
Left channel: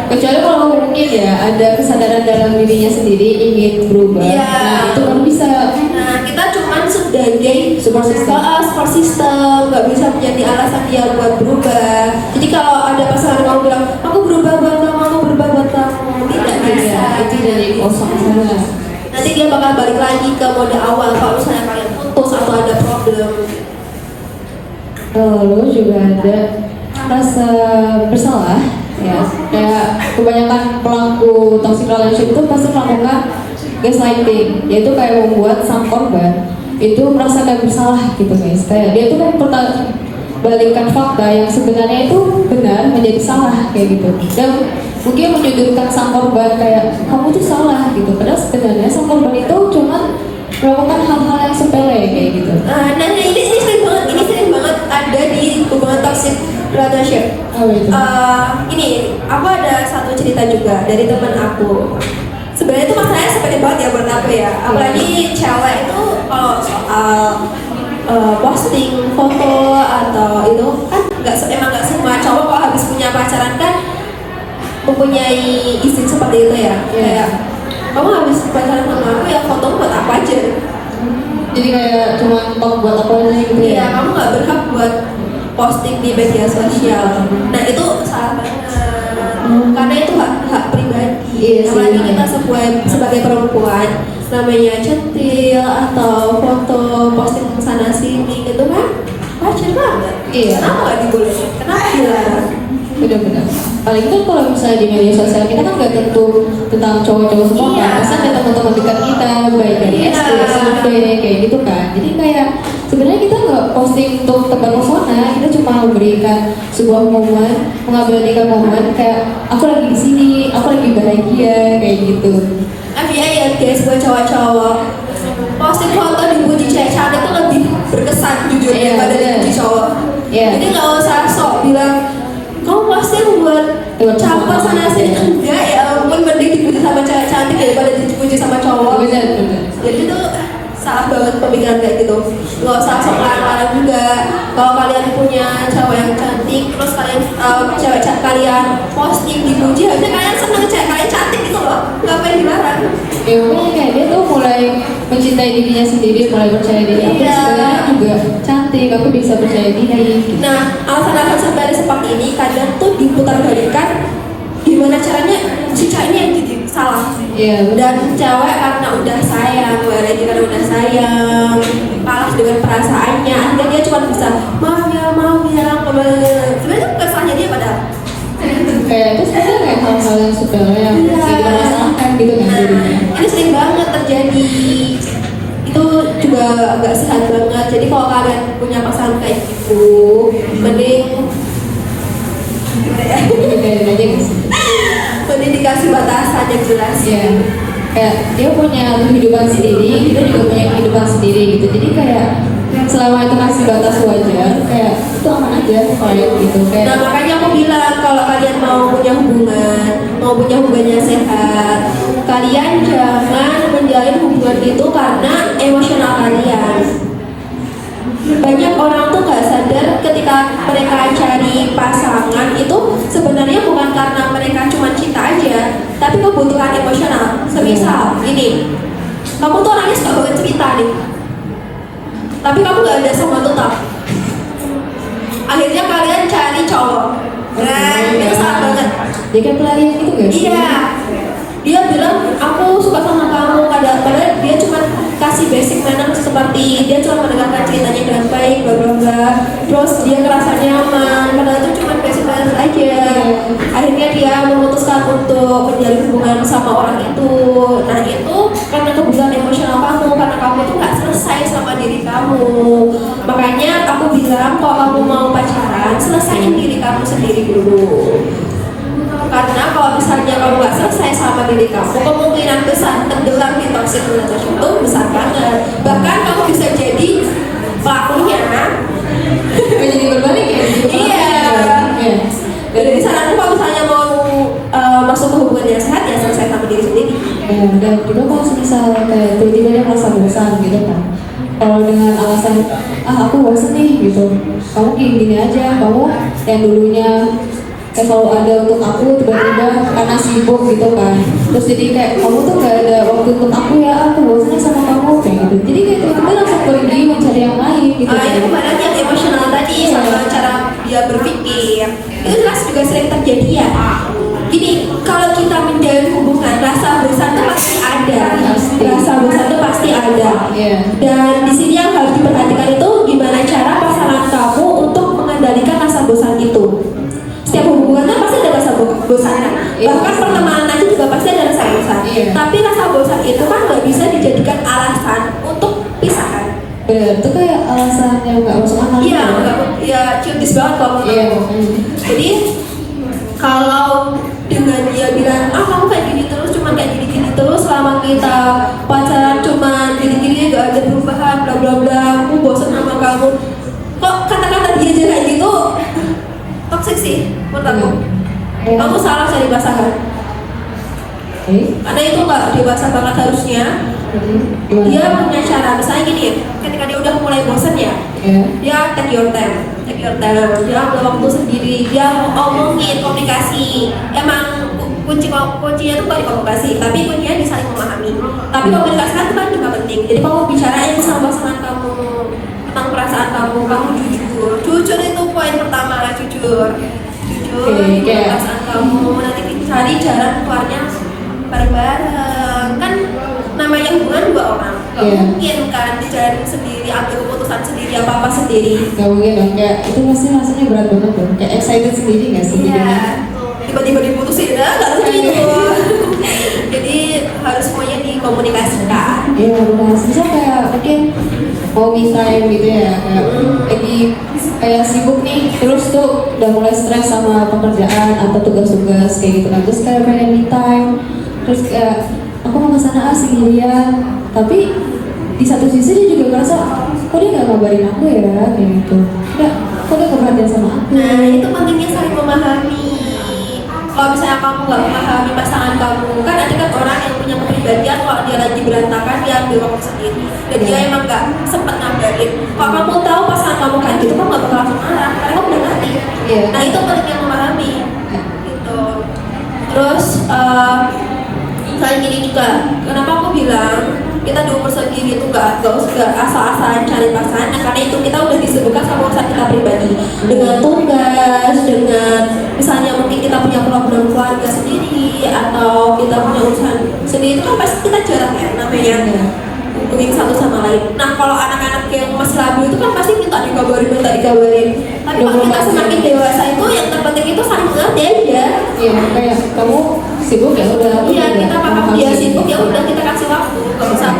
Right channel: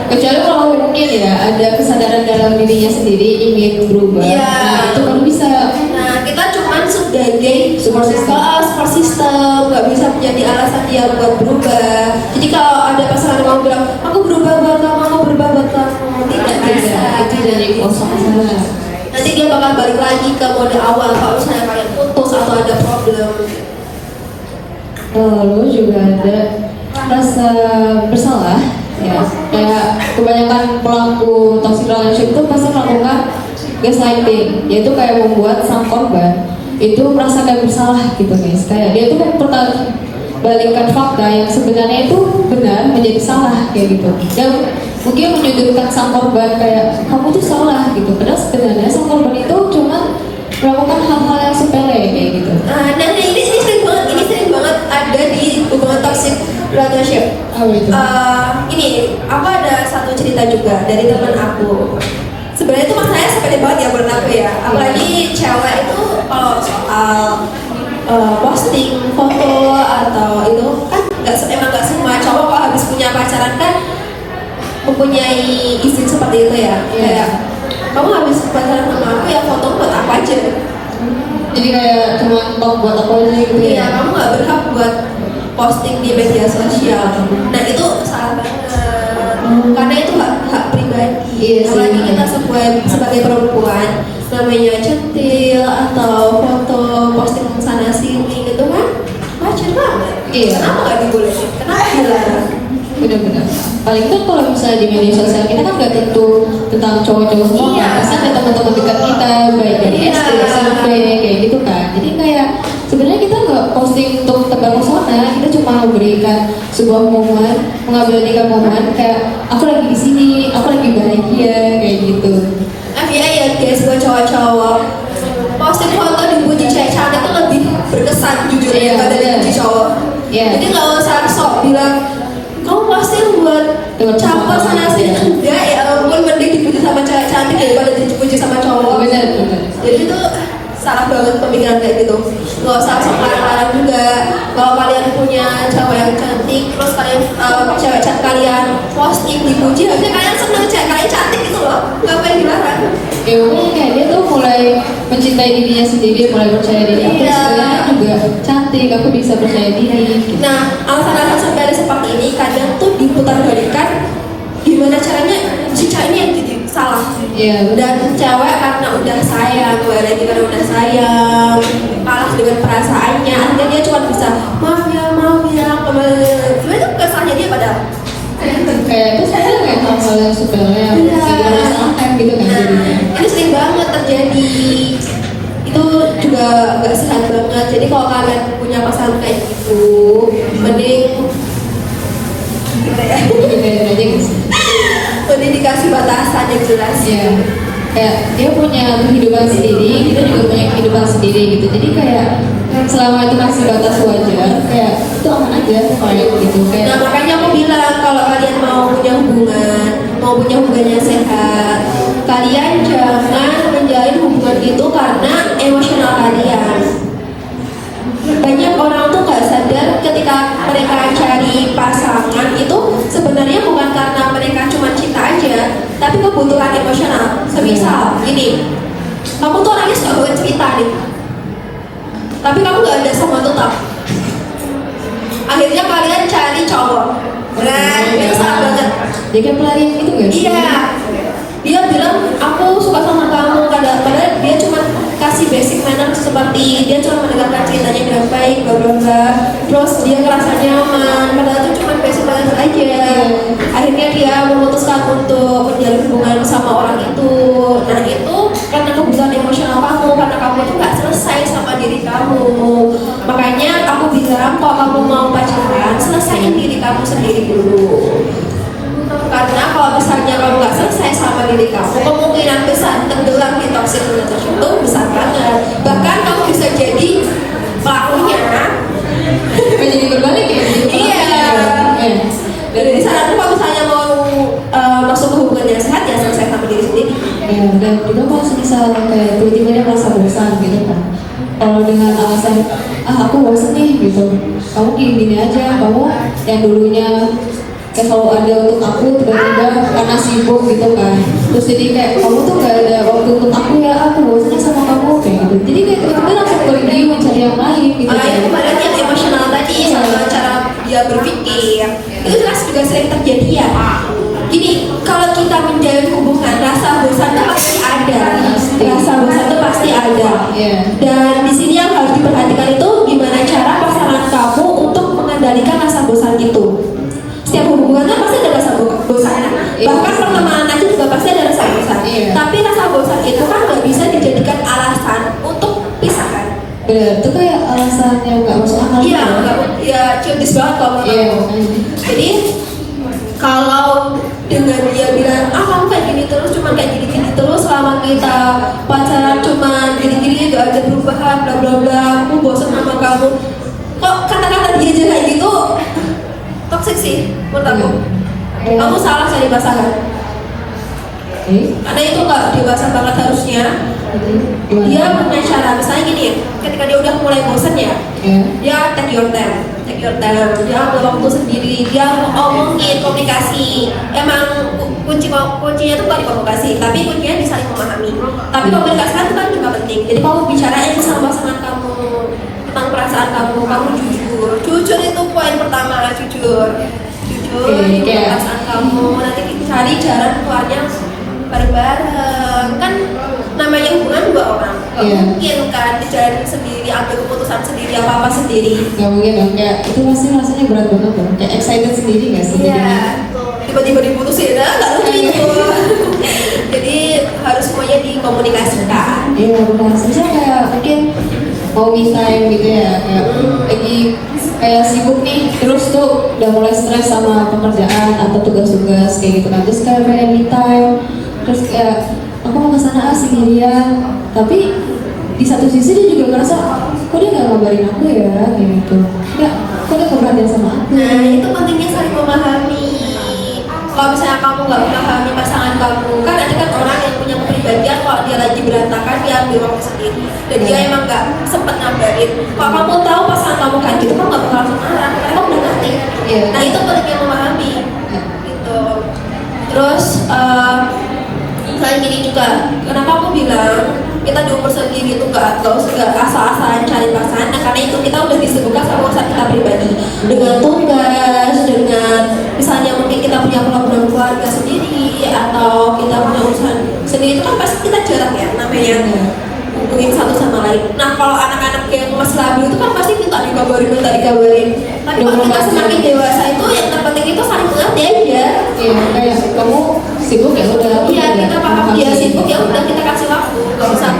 Kecuali kalau mungkin ya ada kesadaran dalam dirinya sendiri ingin berubah. Iya. Nah itu kan bisa. Nah, kita cuma sebagai support system, nggak bisa menjadi alasan dia buat berubah. Jadi kalau ada pasangan kamu bilang, aku berubah buat kamu, aku berubah buat kamu, tidak bisa. Itu dari kosong. Nanti dia bakal balik lagi ke mode awal kalau misalnya kalian putus atau ada problem. Lalu juga ada rasa bersalah. Ya, kayak kebanyakan pelaku toxic relationship itu pasti melakukan gaslighting, yaitu kayak membuat sang korban itu merasa kayak bersalah gitu guys. Kayak dia tuh balikan fakta yang sebenarnya itu benar menjadi salah kayak gitu. Dan mungkin menyudutkan sang korban kayak kamu tuh salah gitu. Padahal sebenarnya sang korban itu cuma melakukan hal-hal yang sepele kayak gitu. Nah, dan ini sering banget ada di hubungan toxic relationship. Oh, gitu. Ini aku ada satu cerita juga dari teman aku. Sebenarnya itu masalahnya sepele banget ya menurut aku ya. Apalagi cewek itu kalau soal posting foto atau itu kan nggak semua cowok kalau habis punya pacaran kan mempunyai insting seperti itu ya. Kayak kamu habis pacaran sama aku yang foto buat apa aja? Jadi kayak cuma untuk buat aku aja gitu Iya, ya. kamu nggak berhak buat posting di media sosial. Nah itu salah banget. Karena itu hak pribadi. Iya, Apalagi sih. kita sebagai perempuan namanya centil atau foto posting sana sini gitu kan wajar banget. Iya. Kenapa nggak dibolehin? Kenapa dilarang? benar-benar. Paling itu kalau misalnya di media sosial kita kan nggak tentu tentang cowok-cowok semua. Iya. Pasti ada teman-teman dekat kita, baik dari Iya. SD, SMP, kayak gitu kan. Jadi kayak sebenarnya kita nggak posting untuk tentang pesona, kita cuma memberikan sebuah momen, mengabadikan momen kayak aku lagi di sini, aku lagi bahagia kayak gitu. Tapi ya guys, buat cowok-cowok posting foto dipuji cewek cantik itu lebih berkesan jujur Iya, daripada bener. dipuji cowok. Iya. Jadi nggak usah sok bilang kamu posting buat campur sana sini, enggak ya ampun, mending dipuji sama cewek cantik daripada dipuji sama cowok. Benar, benar. Jadi itu salah banget pemikiran kayak gitu. Nggak usah sok arah-arah juga. Kalau kalian punya cewek yang cantik, terus kalian cewek cantik kalian posting dipuji, harusnya kalian seneng cewek kalian cantik gitu loh. Ngapain dilarang? Ya makanya kayak dia tuh mulai mencintai dirinya sendiri, mulai percaya diri. Iya. Sebenarnya juga cantik, aku bisa percaya diri. Nah, alasan-alasan garis seperti ini kalian tuh diputar balikan gimana caranya si ceweknya yang salah. Iya. Dan cewek karena udah sayang, lagi karena udah sayang, kalah dengan perasaannya, akhirnya dia cuma bisa maaf ya, sebenarnya itu bukan salahnya dia padahal. Kayak itu saya kayak hal yang sebenarnya yang Iya. bisa dirasakan gitu kan. Nah, itu sering banget terjadi. Itu juga gak sehat banget. Jadi kalau kalian punya pasangan kayak gitu, mending gitu ya. Mending dikasih batasan yang jelas. Iya. Kayak dia punya kehidupan sendiri, kita juga punya kehidupan sendiri gitu. Jadi kayak selama itu kasih batas wajar, kayak itu aman aja kayak gitu. Nah Kayak makanya aku bilang kalau kalian mau punya hubungan yang sehat, kalian jangan menjalin hubungan itu karena emosional kalian. Banyak orang tuh nggak sadar ketika mereka cari pasangan itu sebenarnya bukan karena mereka cuma cinta aja, tapi kebutuhan emosional. Semisal gini, kamu tuh orangnya suka banget cerita nih, tapi kamu nggak ada sama tetap. Akhirnya kalian cari cowok. Nah, itu salah banget. dia kayak pelarian gitu guys. Iya. Dia bilang aku suka sama kamu padahal dia cuma kasih basic manner seperti dia cuma mendengarkan ceritanya dengan baik, bla bla bla. Terus dia ngerasa nyaman, padahal itu cuma basic manner aja. Akhirnya dia memutuskan untuk menjalin hubungan sama orang itu. Nah itu karena kebutuhan emosional kamu, karena kamu tuh nggak selesai sama diri kamu. Makanya aku bilang kalau kamu mau pacaran, selesaiin diri kamu sendiri dulu. Karena kalau misalnya kamu nggak selesai sama diri kamu, kemungkinan besar tenggelam di toxic relationship itu besar banget. Bahkan kamu bisa jadi pelakunya. Jadi berbalik ya. Iya. Iya. Jadi saran tuh kalau misalnya mau masuk ke hubungan yang sehat ya selesai sama diri sendiri. Dan juga kalau misalnya kayak tiba-tiba dia merasa bosan gitu kan, kalau dengan alasan aku bosan nih gitu, kamu kayak gini aja, kamu yang dulunya selalu ada untuk aku tiba-tiba karena sibuk gitu kan, terus jadi kayak kamu tuh gak ada waktu untuk aku, ya aku bosannya sama kamu kayak gitu. Jadi kayak kita langsung pergi mencari yang lain gitu. Nah itu badannya emosional tadi sama cara dia berpikir itu jelas juga sering terjadi ya. Jadi kalau kita menjalin hubungan rasa bosan itu pasti ada, rasa bosan itu pasti ada. Iya. Dan di sini yang harus diperhatikan itu gimana cara pasangan kamu untuk mengendalikan rasa bosan itu. Setiap hubungan kan pasti ada rasa bosan, bahkan pertemanan aja juga pasti ada rasa bosan. Iya. Tapi rasa bosan itu kan nggak bisa dijadikan alasan untuk pisahkan. Iya, itu kayak alasan yang gak masuk akal. Iya, ya curious banget kalau Iya. Jadi kalau dengan dia bilang kamu kayak gini terus, cuma kayak gini terus selama kita pacaran cuma gini-gini gak ada perubahan, bla bla bla, aku bosan sama kamu. Kok kata-kata dia aja kayak gitu toxic sih menurut aku. Kamu salah cari pasangan. Karena itu gak dewasa banget harusnya. Dia punya cara, misalnya gini, ketika dia udah mulai bosan ya, dia take your time, dia waktu sendiri, dia ngomongin, komunikasi. Emang kuncinya tuh bukan komunikasi, tapi kuncinya bisa memahami. Tapi komunikasi itu kan juga penting. Jadi kamu bicara aja sama pasangan kamu tentang perasaan kamu jujur itu poin pertama, jujur Kayak perasaan kamu. Nanti cari jalan keluarnya bareng-bareng kan. namanya hubungan dua orang, nggak Iya. mungkin kan dijalanin sendiri, ambil keputusan sendiri, apa sendiri. Gak mungkin dong, kayak itu pasti rasanya berat banget dong, kayak excited sendiri gak sih? Iya, jadinya? tiba-tiba diputusin, nggak gitu. Jadi harus semuanya dikomunikasikan. Iya, komunikasi misalnya kayak mungkin mau me time gitu ya, kayak lagi kayak sibuk nih, terus tuh udah mulai stres sama pekerjaan atau tugas-tugas kayak gitu, terus kayak pengen me time, terus kayak aku mau kesana sendirian, tapi di satu sisi dia juga ngerasa kok dia nggak ngabarin aku ya kayak gitu, nggak, kok dia nggak perhatian sama aku. Nah, itu pentingnya saling memahami. Kalau misalnya kamu nggak memahami pasangan kamu, kan ada kan orang yang punya kepribadian kalau dia lagi berantakan dia ambil waktu sendiri. Dan dia emang nggak sempet ngabarin. Kalau kamu tahu pasangan kamu kayak gitu, kamu nggak bakal langsung marah. Karena kamu udah ngerti. Iya. Nah, itu pentingnya memahami. Gitu. Terus kayak gini juga. Kenapa aku bilang kita di umur segini tuh nggak usah asal-asalan cari pasangan, nah, karena itu kita udah disibukkan sama urusan kita pribadi dengan tugas, dengan misalnya mungkin kita punya program keluarga sendiri atau kita punya urusan sendiri, itu kan pasti kita jarak ya namanya hubungin satu sama lain. Nah kalau anak-anak yang masih labil itu kan pasti minta dikabarin. Tapi kalau kita semakin dewasa itu yang terpenting itu saling mengerti aja. Iya, kayak kamu sibuk ya udah. Iya, kita paham dia sibuk ya udah kita kasih waktu, nggak usah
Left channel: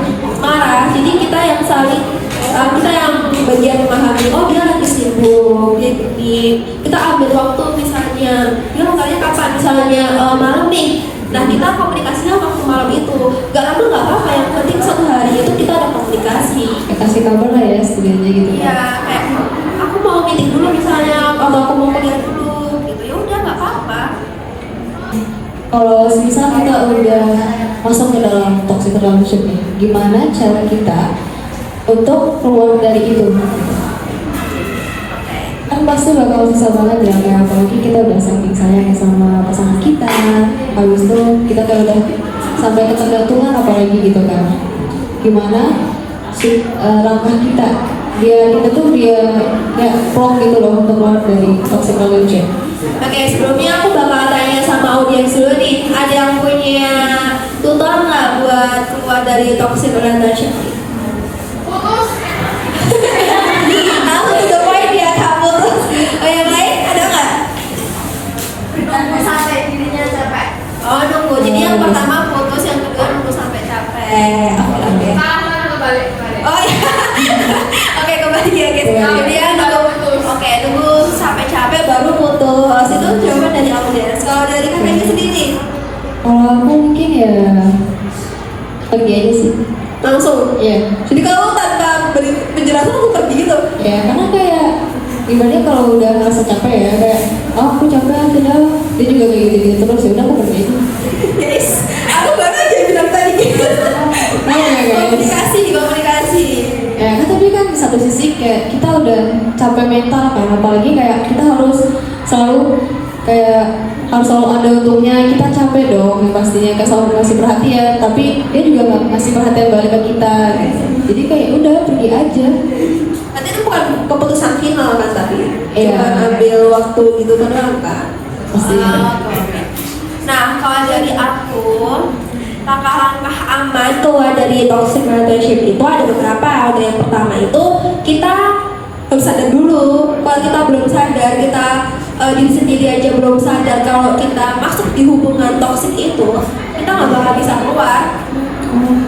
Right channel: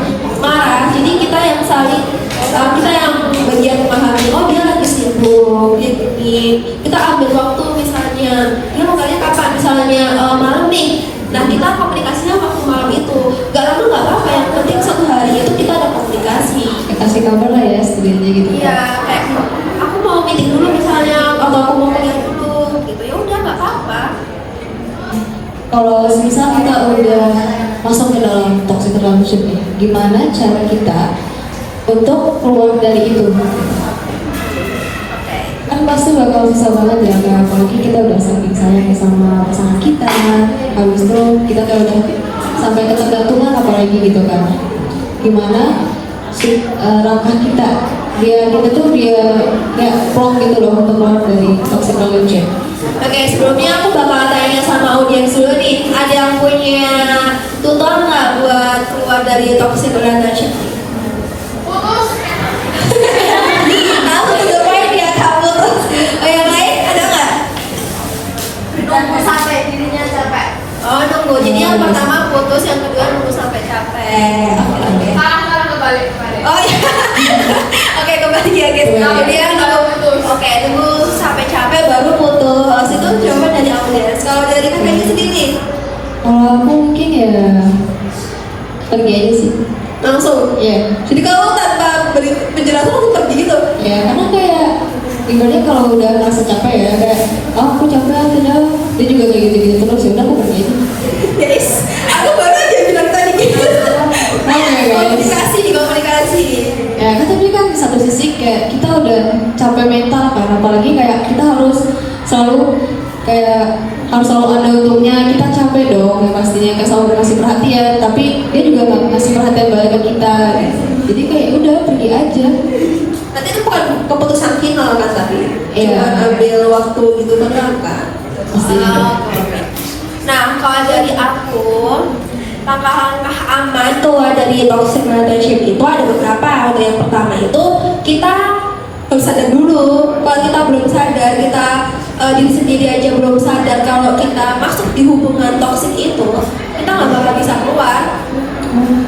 marah. Jadi kita yang saling kita yang bagian memahami, oh dia lagi sibuk, dia gini. Kita ambil waktu misalnya, dia mau kalian kapan? Misalnya malam nih. Nah kita komunikasinya waktu malam itu. Gak lalu nggak apa-apa, yang penting satu hari itu kita ada komunikasi. Kita kasih kabar lah ya setidaknya gitu. Iya, kayak aku mau meeting dulu misalnya, atau aku mau kuliah dulu, gitu. Ya udah nggak apa-apa. Kalau misal kita udah masuk ke dalam toxic relationship nih, gimana cara kita untuk keluar dari itu? Kan pasti bakal susah banget ya, apalagi kita udah saking sayang sama pasangan kita, habis itu kita kayak udah sampai ketergantungan apalagi gitu kan. Gimana langkah kita? Kita tuh kayak plong gitu loh untuk keluar dari toxic relationship. Oke, sebelumnya aku bakal tanya sama audiens dulu nih, ada yang punya tutor nggak buat keluar dari toxic relationship? Aku juga main dia kabur. Oh yang lain ada nggak? Nunggu sampai dirinya capek. Oh nunggu, jadi yang pertama putus, yang kedua nunggu sampai capek. Aku lagi. Oh iya. Oke kembali ya guys. Kemudian oke nunggu sampai capek baru putus. Itu jawaban dari audiens. Kalau dari kakaknya sendiri? Kalau aku mungkin ya pergi aja sih. Langsung. Iya. Jadi kamu tanpa beri penjelasan langsung pergi gitu? Ya karena kayak dibanding kalau udah merasa capek ya kayak aku capek sudah dia juga kayak gitu terus udah aku pergi. Guys, aku baru aja bilang tadi gitu. Komunikasi. Ya kan tapi kan di satu sisi kayak kita udah capek mental kan, apalagi kayak kita harus selalu ada untungnya, kita capek dong pastinya kayak selalu ngasih perhatian, tapi dia juga nggak ngasih perhatian balik ke kita gitu. Jadi kayak udah pergi aja. Nanti itu bukan keputusan final kan tapi Iya. coba ambil waktu gitu benar kan? Pasti. Nah kalau dari aku langkah-langkah aman keluar dari toxic relationship itu ada beberapa. Ada yang pertama itu kita harus sadar dulu. Kalau kita belum sadar, kita diri sendiri aja belum sadar kalau kita masuk di hubungan toxic itu, kita nggak bakal bisa keluar.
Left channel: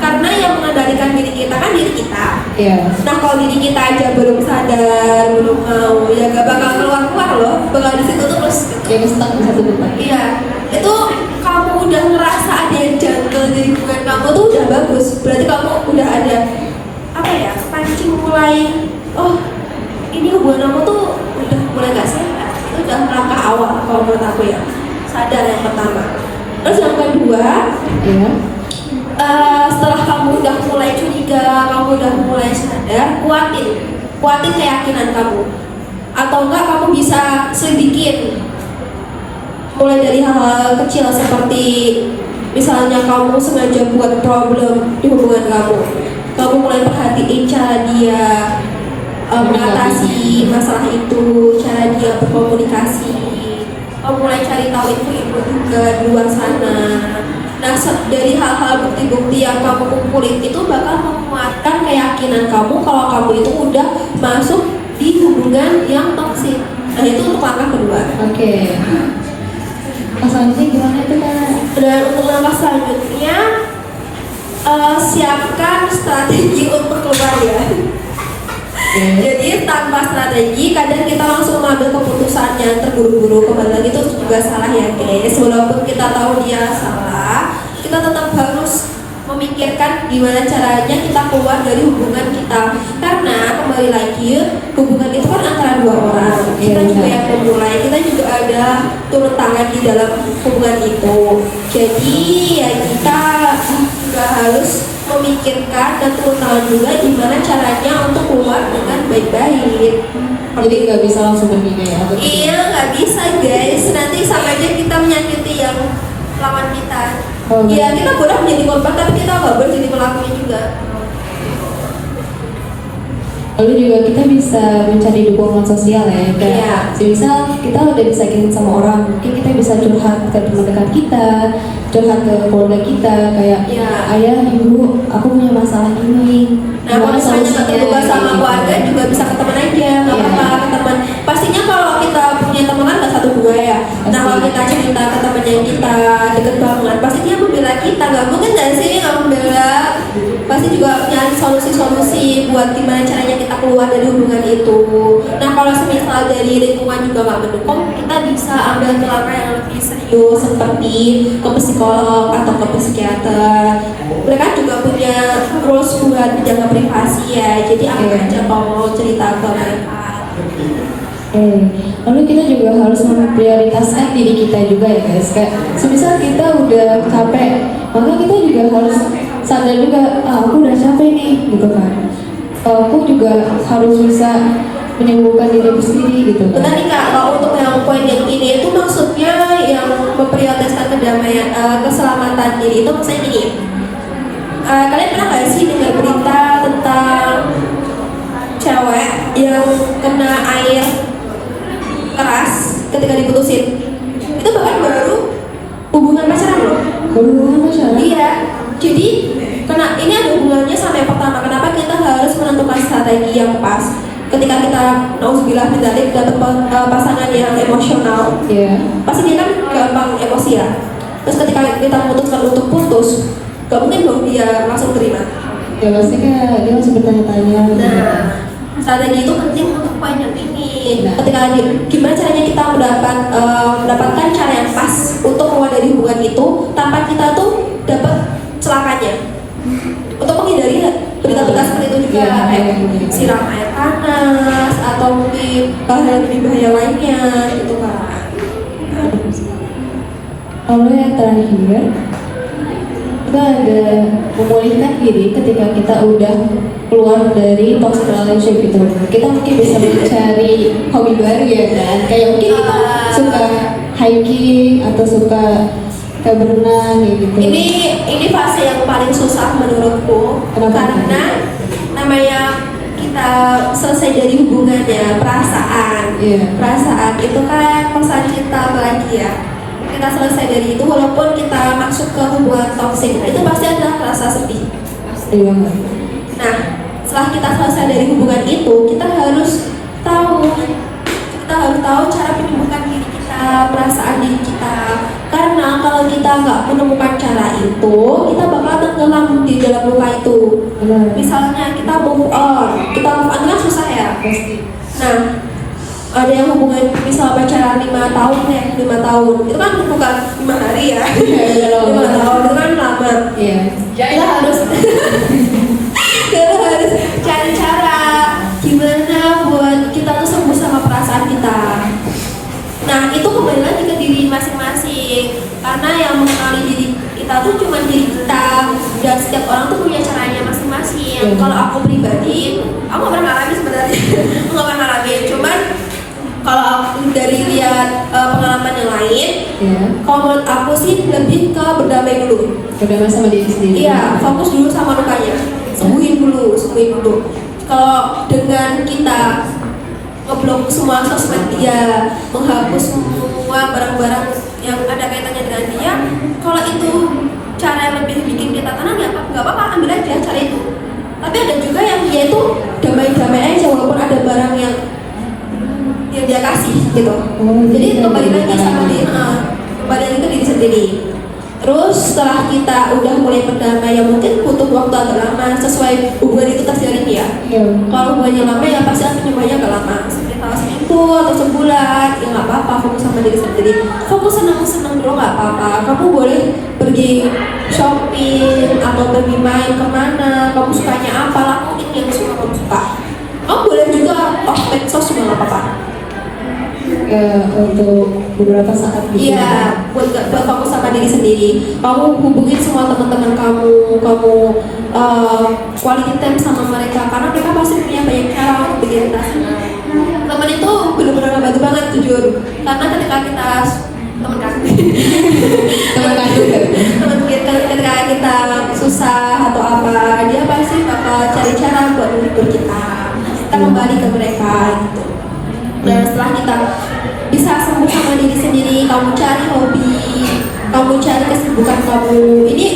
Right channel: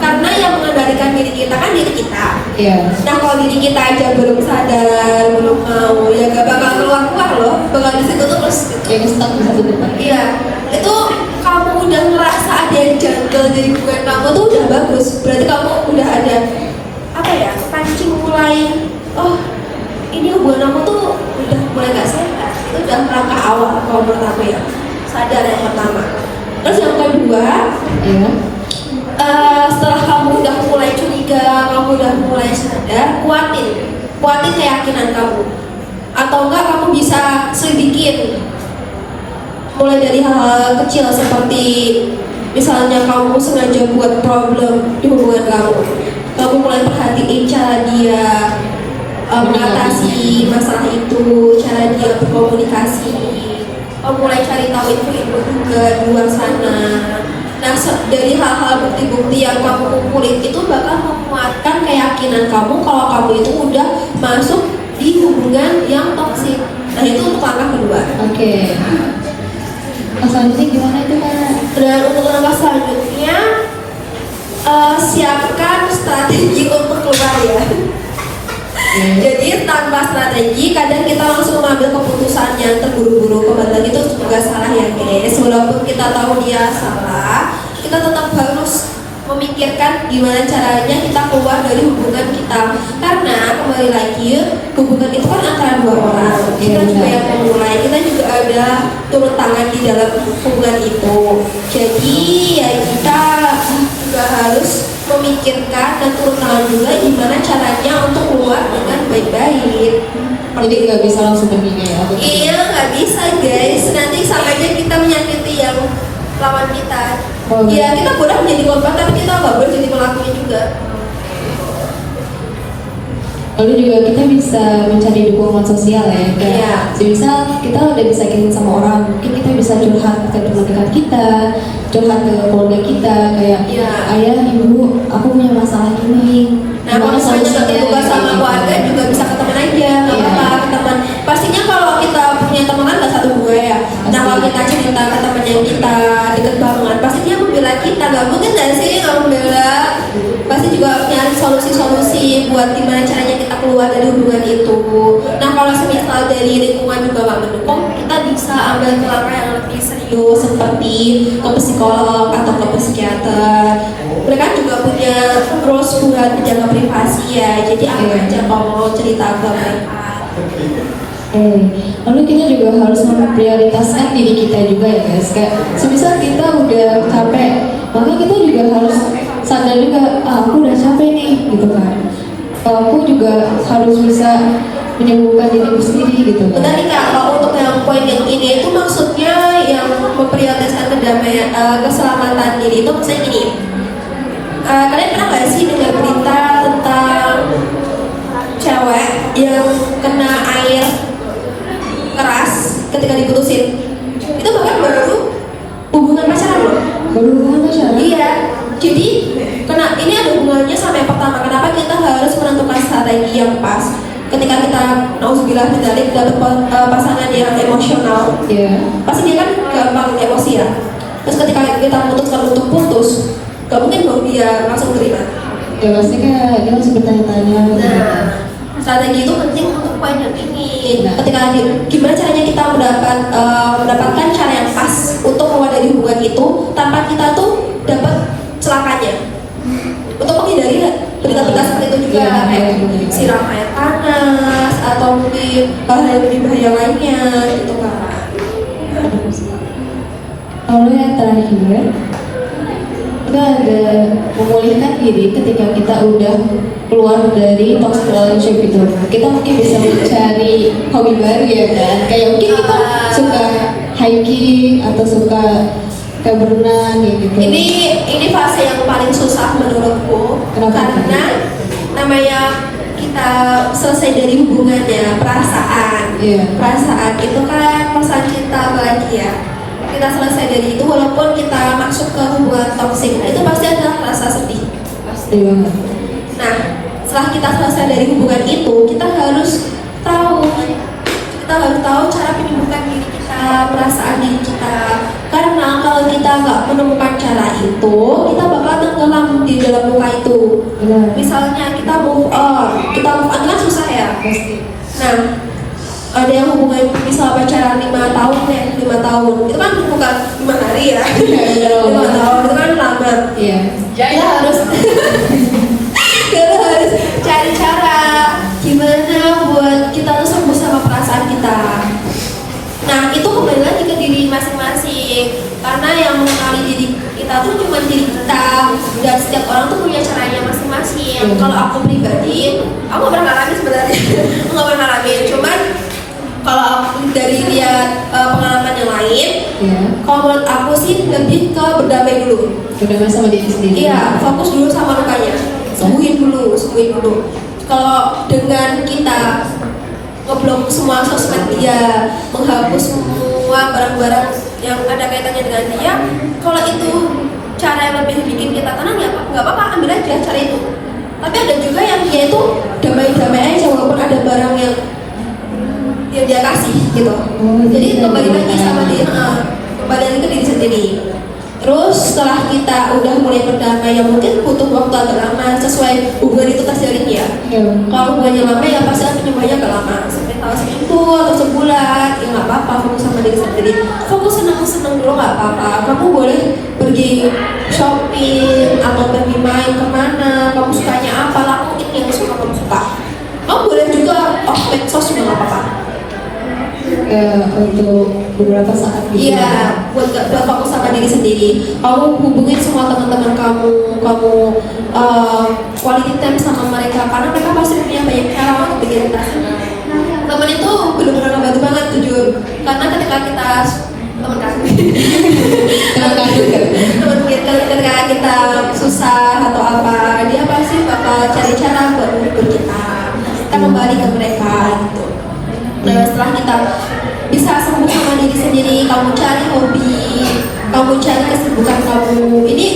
Karena yang mengendalikan diri kita kan diri kita. Iya. Nah kalau diri kita aja belum sadar, belum mau, ya gak bakal keluar loh, bakal di situ terus. Jadi stuck di situ juga. Iya, itu kamu udah ngerasa ada yang janggal dari hubungan kamu tuh udah bagus. Berarti kamu udah ada apa ya? Kepancing mulai, oh ini hubungan kamu tuh udah mulai gak sehat. Itu udah langkah awal kalau menurut aku ya. Sadar yang pertama. Terus yang kedua, Iya. setelah kamu udah mulai curiga, kamu udah mulai sadar, kuatin keyakinan kamu. Atau enggak kamu bisa sedikit mulai dari hal kecil seperti misalnya kamu sengaja buat problem di hubungan kamu mulai perhatiin cara dia mengatasi masalah itu, cara dia berkomunikasi, kamu mulai cari tahu itu juga di luar sana. Nah dari hal-hal bukti-bukti yang kamu kumpulin itu bakal menguatkan keyakinan kamu kalau kamu itu udah masuk di hubungan yang toksik. Nah itu untuk langkah kedua. Oke. Selanjutnya gimana tuh? Dan untuk langkah selanjutnya siapkan strategi untuk keluar ya. Jadi tanpa strategi kadang kita langsung mengambil keputusan yang terburu-buru, kembali itu juga salah ya guys. Walaupun kita tahu dia salah, kita tetap harus memikirkan gimana caranya kita keluar dari hubungan kita. Karena kembali lagi hubungan itu kan antara dua orang. Kita juga yang memulai, kita juga ada turun tangan di dalam hubungan itu. Jadi ya kita juga harus memikirkan dan turun tangan juga gimana caranya untuk keluar dengan baik-baik. Jadi nggak bisa langsung memilih ya? Iya, nggak bisa guys. Nanti sampai kita menyakiti yang lawan kita. Iya, kita udah menjadi korban tapi kita nggak boleh jadi pelakunya juga. Lalu juga kita bisa mencari dukungan sosial ya. Iya. Misal kita udah disakitin sama orang, mungkin kita bisa curhat ke teman dekat kita, curhat ke keluarga kita, kayak Iya. ayah, ibu, aku punya masalah ini. Nah, kalau misalnya kita sama keluarga juga bisa ke teman aja, nggak apa-apa ke teman. Pastinya kalau kita punya teman kan nggak satu dua ya. Nah, kalau kita cerita ke teman yang kita dengan banget, pasti dia membela kita. Nggak mungkin nggak sih kalau membela, pasti juga nyari solusi-solusi buat gimana caranya kita keluar dari hubungan itu. Nah, kalau misal dari lingkungan juga nggak mendukung, kita bisa ambil langkah yang lebih serius seperti ke psikolog atau ke psikiater. Mereka juga punya rules buat menjaga privasi ya, jadi aman aja kalau mau cerita ke mereka. Lalu kita juga harus memprioritaskan diri kita juga ya guys. Kayak semisal kita udah capek, maka kita juga harus sadar juga, aku udah capek nih, gitu kan. Aku juga harus bisa menyembuhkan diriku sendiri gitu. Betul nih Kak, kalau untuk yang poin yang ini itu maksudnya yang memprioritaskan kedamaian, keselamatan diri itu maksudnya gini. Kalian pernah nggak sih dengar berita tentang cewek yang kena air keras ketika diputusin? Itu bahkan baru hubungan pacaran loh. Hubungan pacaran? Iya. Jadi ini ada hubungannya sampai pertama. Kenapa kita harus menentukan strategi yang pas? Ketika kita nauzubillah min dzalik dapat pasangan yang emosional, pasti dia kan gampang emosi ya. Terus ketika kita memutuskan untuk putus, gak mungkin dong dia langsung terima. Ya pasti kan dia masih bertanya-tanya. Nah, strategi itu penting untuk poin yang ini. Ketika gimana caranya kita mendapatkan cara yang pas untuk keluar dari hubungan itu tanpa kita tuh dapat celakanya. Untuk menghindari berita-berita seperti itu juga, kayak siram air panas atau mungkin hal yang lebih bahaya lainnya gitu kan. Lalu yang terakhir, kita ada memulihkan diri ketika kita udah keluar dari toxic relationship itu. Kita mungkin bisa mencari hobi baru ya kan, kayak mungkin kita suka hiking atau suka berenang gitu. Ini fase yang paling susah menurutku. Karena namanya kita selesai dari hubungan ya, perasaan. Perasaan itu kan pesan cinta lagi ya. Kita selesai dari itu, walaupun kita masuk ke hubungan toksik, itu pasti ada rasa sedih. Pasti. Nah, setelah kita selesai dari hubungan itu, kita harus tahu cara menyembuhkan diri kita, perasaan diri kita. Karena kalau kita nggak menemukan cara itu, kita bakal tenggelam di dalam luka itu. Misalnya kita move on kan susah ya. Nah, ada yang hubungan misal pacaran 5 tahun itu kan bukan 5 hari ya. 5 tahun itu kan lama. Kita harus cari cara gimana buat kita tuh sembuh sama perasaan kita. Nah, itu kembali lagi ke diri masing-masing. Karena yang mengenali diri kita tuh cuma diri kita, dan setiap orang tuh punya caranya masing-masing. Kalau aku pribadi, aku nggak pernah lagi sebenarnya, nggak pernah lagi. Cuman kalau aku dari lihat pengalaman yang lain, kalau menurut aku sih lebih ke berdamai dulu. Berdamai sama diri sendiri. Iya, fokus dulu sama lukanya, sembuhin dulu. Kalau dengan kita ngeblok semua sosmed dia, menghapus semua barang-barang yang ada kaitannya dengan dia, kalau itu cara yang lebih bikin kita tenang ya nggak apa-apa, ambil aja cara itu. Tapi ada juga yang dia itu damai-damai aja walaupun ada barang yang dia kasih gitu. Jadi kembali lagi sama dia, kembali lagi ke diri sendiri. Terus setelah kita udah mulai berdamai yang mungkin butuh waktu agak lama sesuai hubungan itu terjalin ya. Kalau hubungannya lama ya pasti penyebabnya agak lama. Kalau seminggu atau sebulan ya nggak apa-apa, fokus sama diri sendiri. Fokus senang-senang dulu nggak apa-apa. Kamu boleh pergi shopping atau pergi main kemana, kamu sukanya apa, lakuin yang suka kamu suka. Kamu boleh juga off medsos juga nggak apa-apa. Untuk beberapa saat Iya, buat fokus sama diri sendiri. Kamu hubungin semua teman-teman kamu quality time sama mereka karena mereka pasti punya banyak cara untuk bikin kita. Temen itu benar-benar ngebantu banget jujur. Karena ketika kita teman kita ketika kita susah atau apa, dia pasti bakal cari cara buat menghibur kita. Kita kembali ke mereka gitu. Nah setelah kita bisa sembuh sama diri sendiri, kamu cari hobi, kamu cari kesibukan kamu. Ini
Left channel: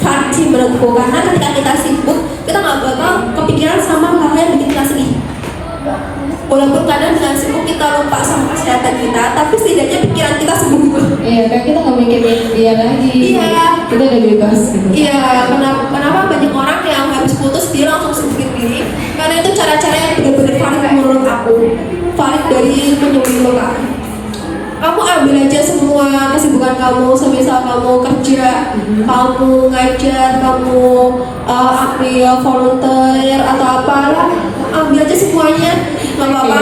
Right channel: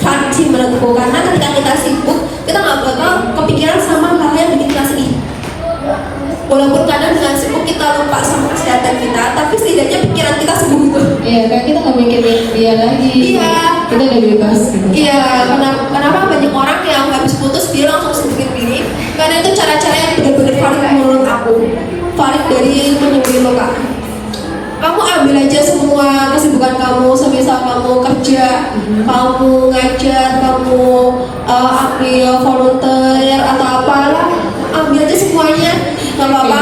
wajib menurutku karena ketika kita sibuk, kita nggak bakal kepikiran sama hal yang bikin kita sedih. Walaupun kadang dengan sibuk kita lupa sama kesehatan kita, tapi setidaknya pikiran kita sembuh. Iya, kan kita nggak mikirin dia lagi. Iya. Kita udah bebas. Iya. Kenapa banyak orang yang habis putus dia langsung sembuhin diri? Karena itu cara-cara yang benar-benar valid menurut aku. Valid dari menyembuhin luka. Kamu ambil aja semua kesibukan kamu, semisal kamu kerja, kamu ngajar, kamu ambil volunteer atau apa, ambil aja semuanya, nggak apa-apa.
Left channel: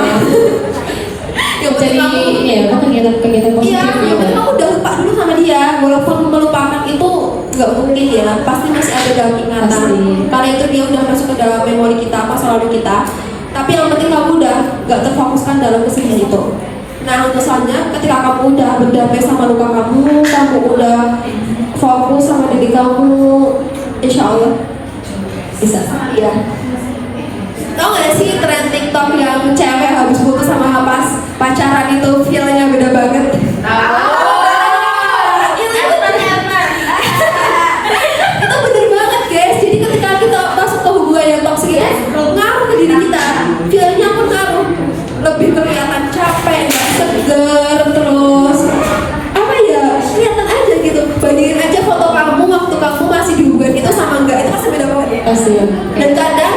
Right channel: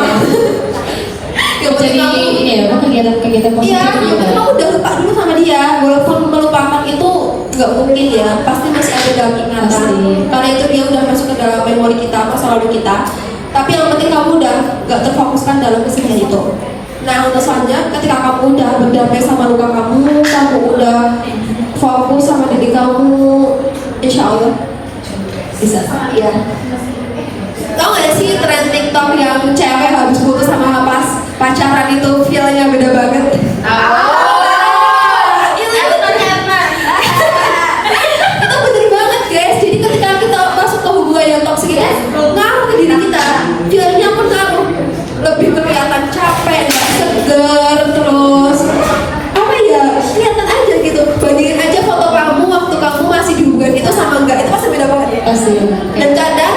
Jadi ini ya, kegiatan-kegiatan Iya, kamu udah lupa dulu sama dia, walaupun melupakan itu nggak mungkin ya, pasti masih ada dalam ingatan. Karena itu dia udah masuk ke dalam memori kita, masa lalu kita. Tapi yang penting kamu udah nggak terfokuskan dalam kesedihan itu. Nah, misalnya ketika kamu udah berdamai sama luka kamu udah fokus sama diri kamu, insya Allah bisa. Ya. Tau gak sih tren TikTok yang cewek habis putus sama pacaran itu feelnya beda banget? Itu bener banget guys. Jadi ketika kita masuk ke hubungan yang toksik ini, ngaruh ke diri kita. Feelnya pengaruh, lebih kelihatan capek, seger, terus apa ya, kelihatan aja gitu. Bandingin aja foto kamu waktu kamu masih di hubungan itu sama enggak, itu pasti beda banget. Dan kadang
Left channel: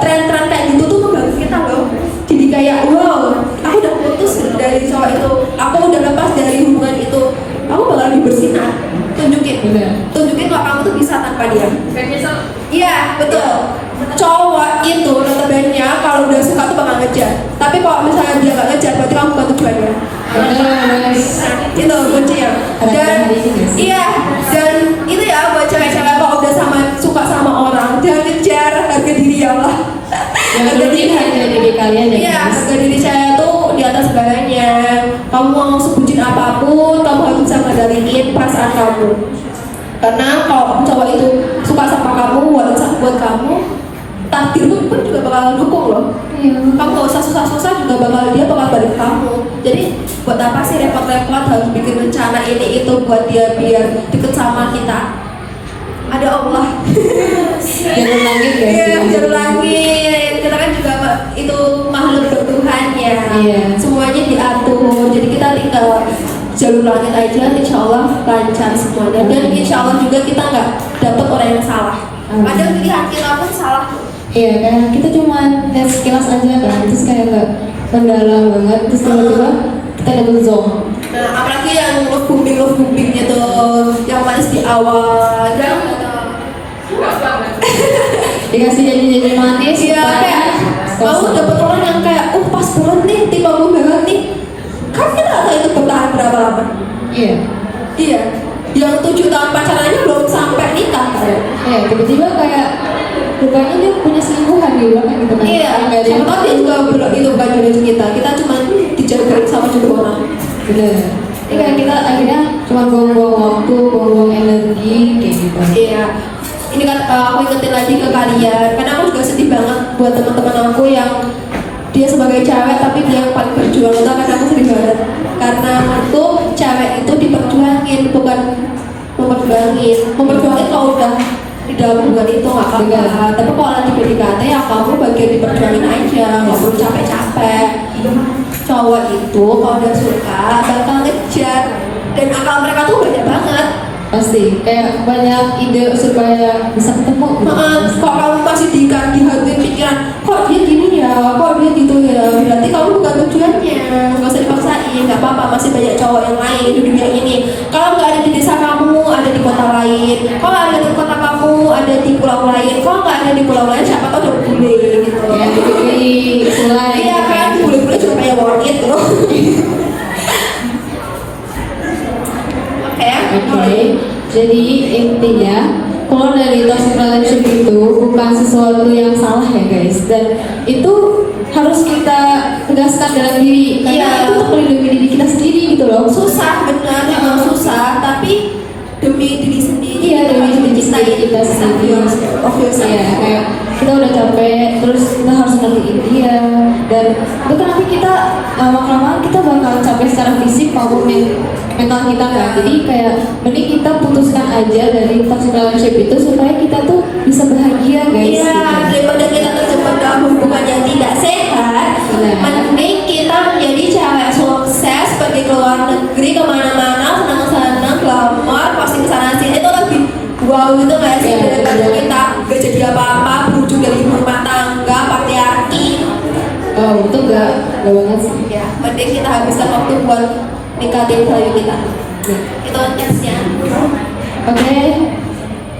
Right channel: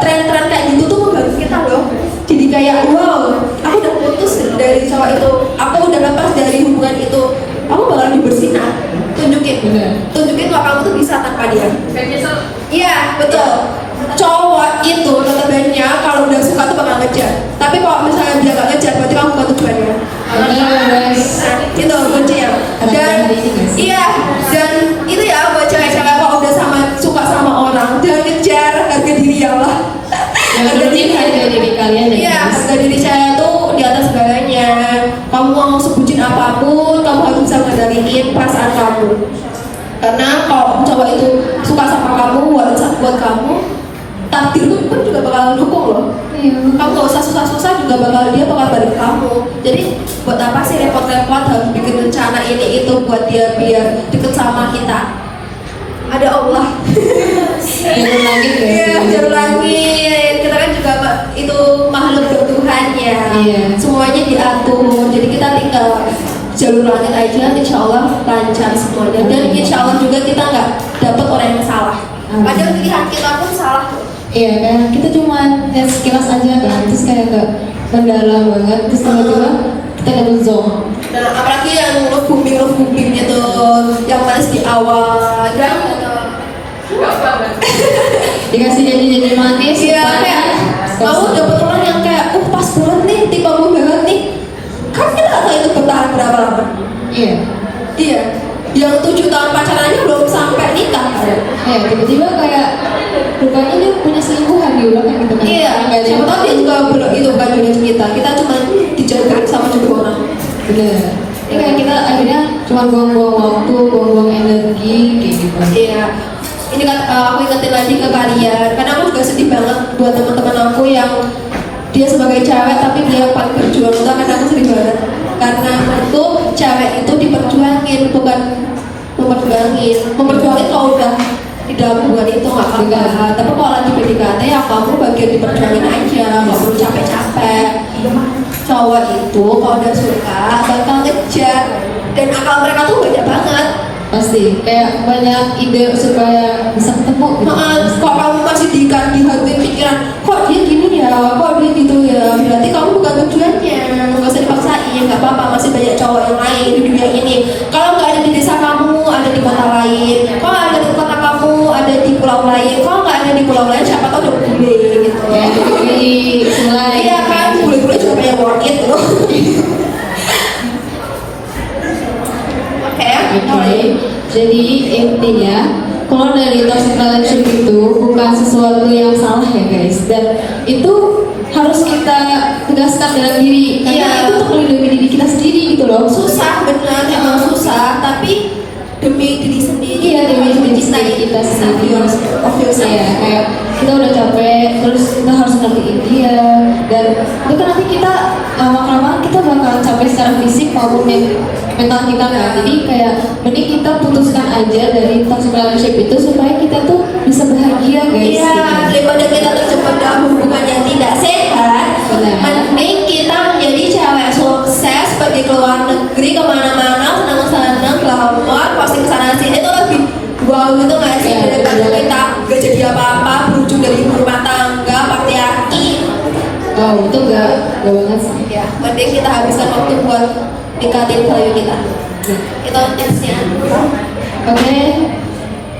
tren-tren kayak gitu tuh membantu kita loh. Jadi kayak wow, aku udah putus dari cowok itu, aku udah lepas dari hubungan itu, kamu bakal bersinar. Tunjukin bahwa kamu tuh bisa tanpa dia. Iya betul. Cowok itu notabene kalau udah suka tuh bakal ngejar. Tapi kalau misalnya dia gak ngejar, berarti kamu bukan tujuannya. Itu benci ya. Dan iya, dan itu ya buat cewek-cewek kalau udah suka sama orang, jangan ngejar harga diri ya Allah. Harga diri kalian. Iya, harga diri saya tuh di atas segalanya. Kamu mau sebutin apapun, kamu harus bisa ngendaliin perasaan kamu. Karena kalau cowok itu suka sama kamu, buat kamu, takdir tuh kan juga bakal dukung loh. Kamu gak usah susah-susah juga dia bakal balik ke kamu. Jadi buat apa sih repot-repot harus bikin rencana ini itu buat dia biar deket sama kita? Ada Allah. Jangan lagi. Iya, jangan lagi. Kita kan juga itu makhluk Tuhan ya. Semuanya diatur. Jadi kita tinggal jalur langit aja, insya Allah lancar semuanya. Dan insya Allah juga kita nggak dapat orang yang salah. Padahal pilihan kita pun salah. Iya kan, kita cuma lihat sekilas aja kan, terus kayak nggak mendalam banget, terus tiba-tiba kita dapat zong. Dan apalagi yang ngebumbing gitu, yang manis di awal, dan dikasih janji-janji manis. iya kayak kamu dapet orang yang kayak pas banget nih, tiba banget nih, kan dia nggak tahu itu bertahan berapa lama. Iya, yang 7 tahun pacarannya belum sampai nikah. Iya, tiba-tiba kayak rupanya dia punya selingkuhan di belakang gitu kan. Iya, siapa tahu dia juga itu bukan jodoh kita cuma dijodohin sama jodoh orang. Iya. Ini kayak kita akhirnya cuma buang-buang waktu, buang-buang energi kayak gitu. Iya. Ini kan aku ingetin lagi ke kalian, karena aku juga sedih banget buat teman-teman aku yang dia sebagai cewek tapi dia yang paling berjuang. Karena aku sedih banget. Karena itu cewek itu diperjuangin, bukan memperjuangin dalam hubungan itu nggak apa-apa. Tapi kalau lagi PDKT ya kamu bagian di perjuangan aja, nggak perlu capek-capek. Cowok itu kalau udah suka bakal ngejar, dan akal mereka tuh banyak banget. Pasti kayak banyak ide supaya bisa ketemu. Kalau kamu masih di hati pikiran, kok dia gini ya, kok dia gitu ya, berarti kamu bukan tujuannya. Nggak usah dipaksain, nggak apa-apa, masih banyak cowok yang lain di dunia ini. Kalau nggak ada di desa kamu, ada di kota lain. Kalau nggak ada di kota kamu, ada di pulau lain. Kalau nggak ada di pulau lain, siapa tahu ada bule gitu. Jadi mulai Iya kan, bule-bule juga punya wanit loh. Oke, jadi intinya keluar dari toxic relationship itu bukan sesuatu yang salah ya guys, dan itu harus kita tegaskan dalam diri karena itu untuk melindungi diri kita sendiri gitu loh. Susah benar, memang susah, tapi demi diri sendiri, Iya, demi diri kita sendiri harus fokus ya, kayak kita udah capek, terus kita harus ngertiin dia, dan itu nanti kita lama-lama kita bakal capek secara fisik maupun mental kita kan. Jadi kayak mending kita putuskan aja dari toxic relationship itu supaya kita tuh bisa bahagia guys. Iya, daripada kita terjebak dalam hubungan yang tidak sehat, mending kita menjadi cewek sukses, pergi ke luar negeri kemana-mana, senang-senang, keluar, posting sana sini itu lebih wow gitu nggak sih? Daripada kita gak jadi apa-apa, berujung dari rumah tangga, patriarki. Wow, itu gak banget sih. Ya, mending kita habiskan waktu buat nikahin value kita. Kita tesnya. Oke,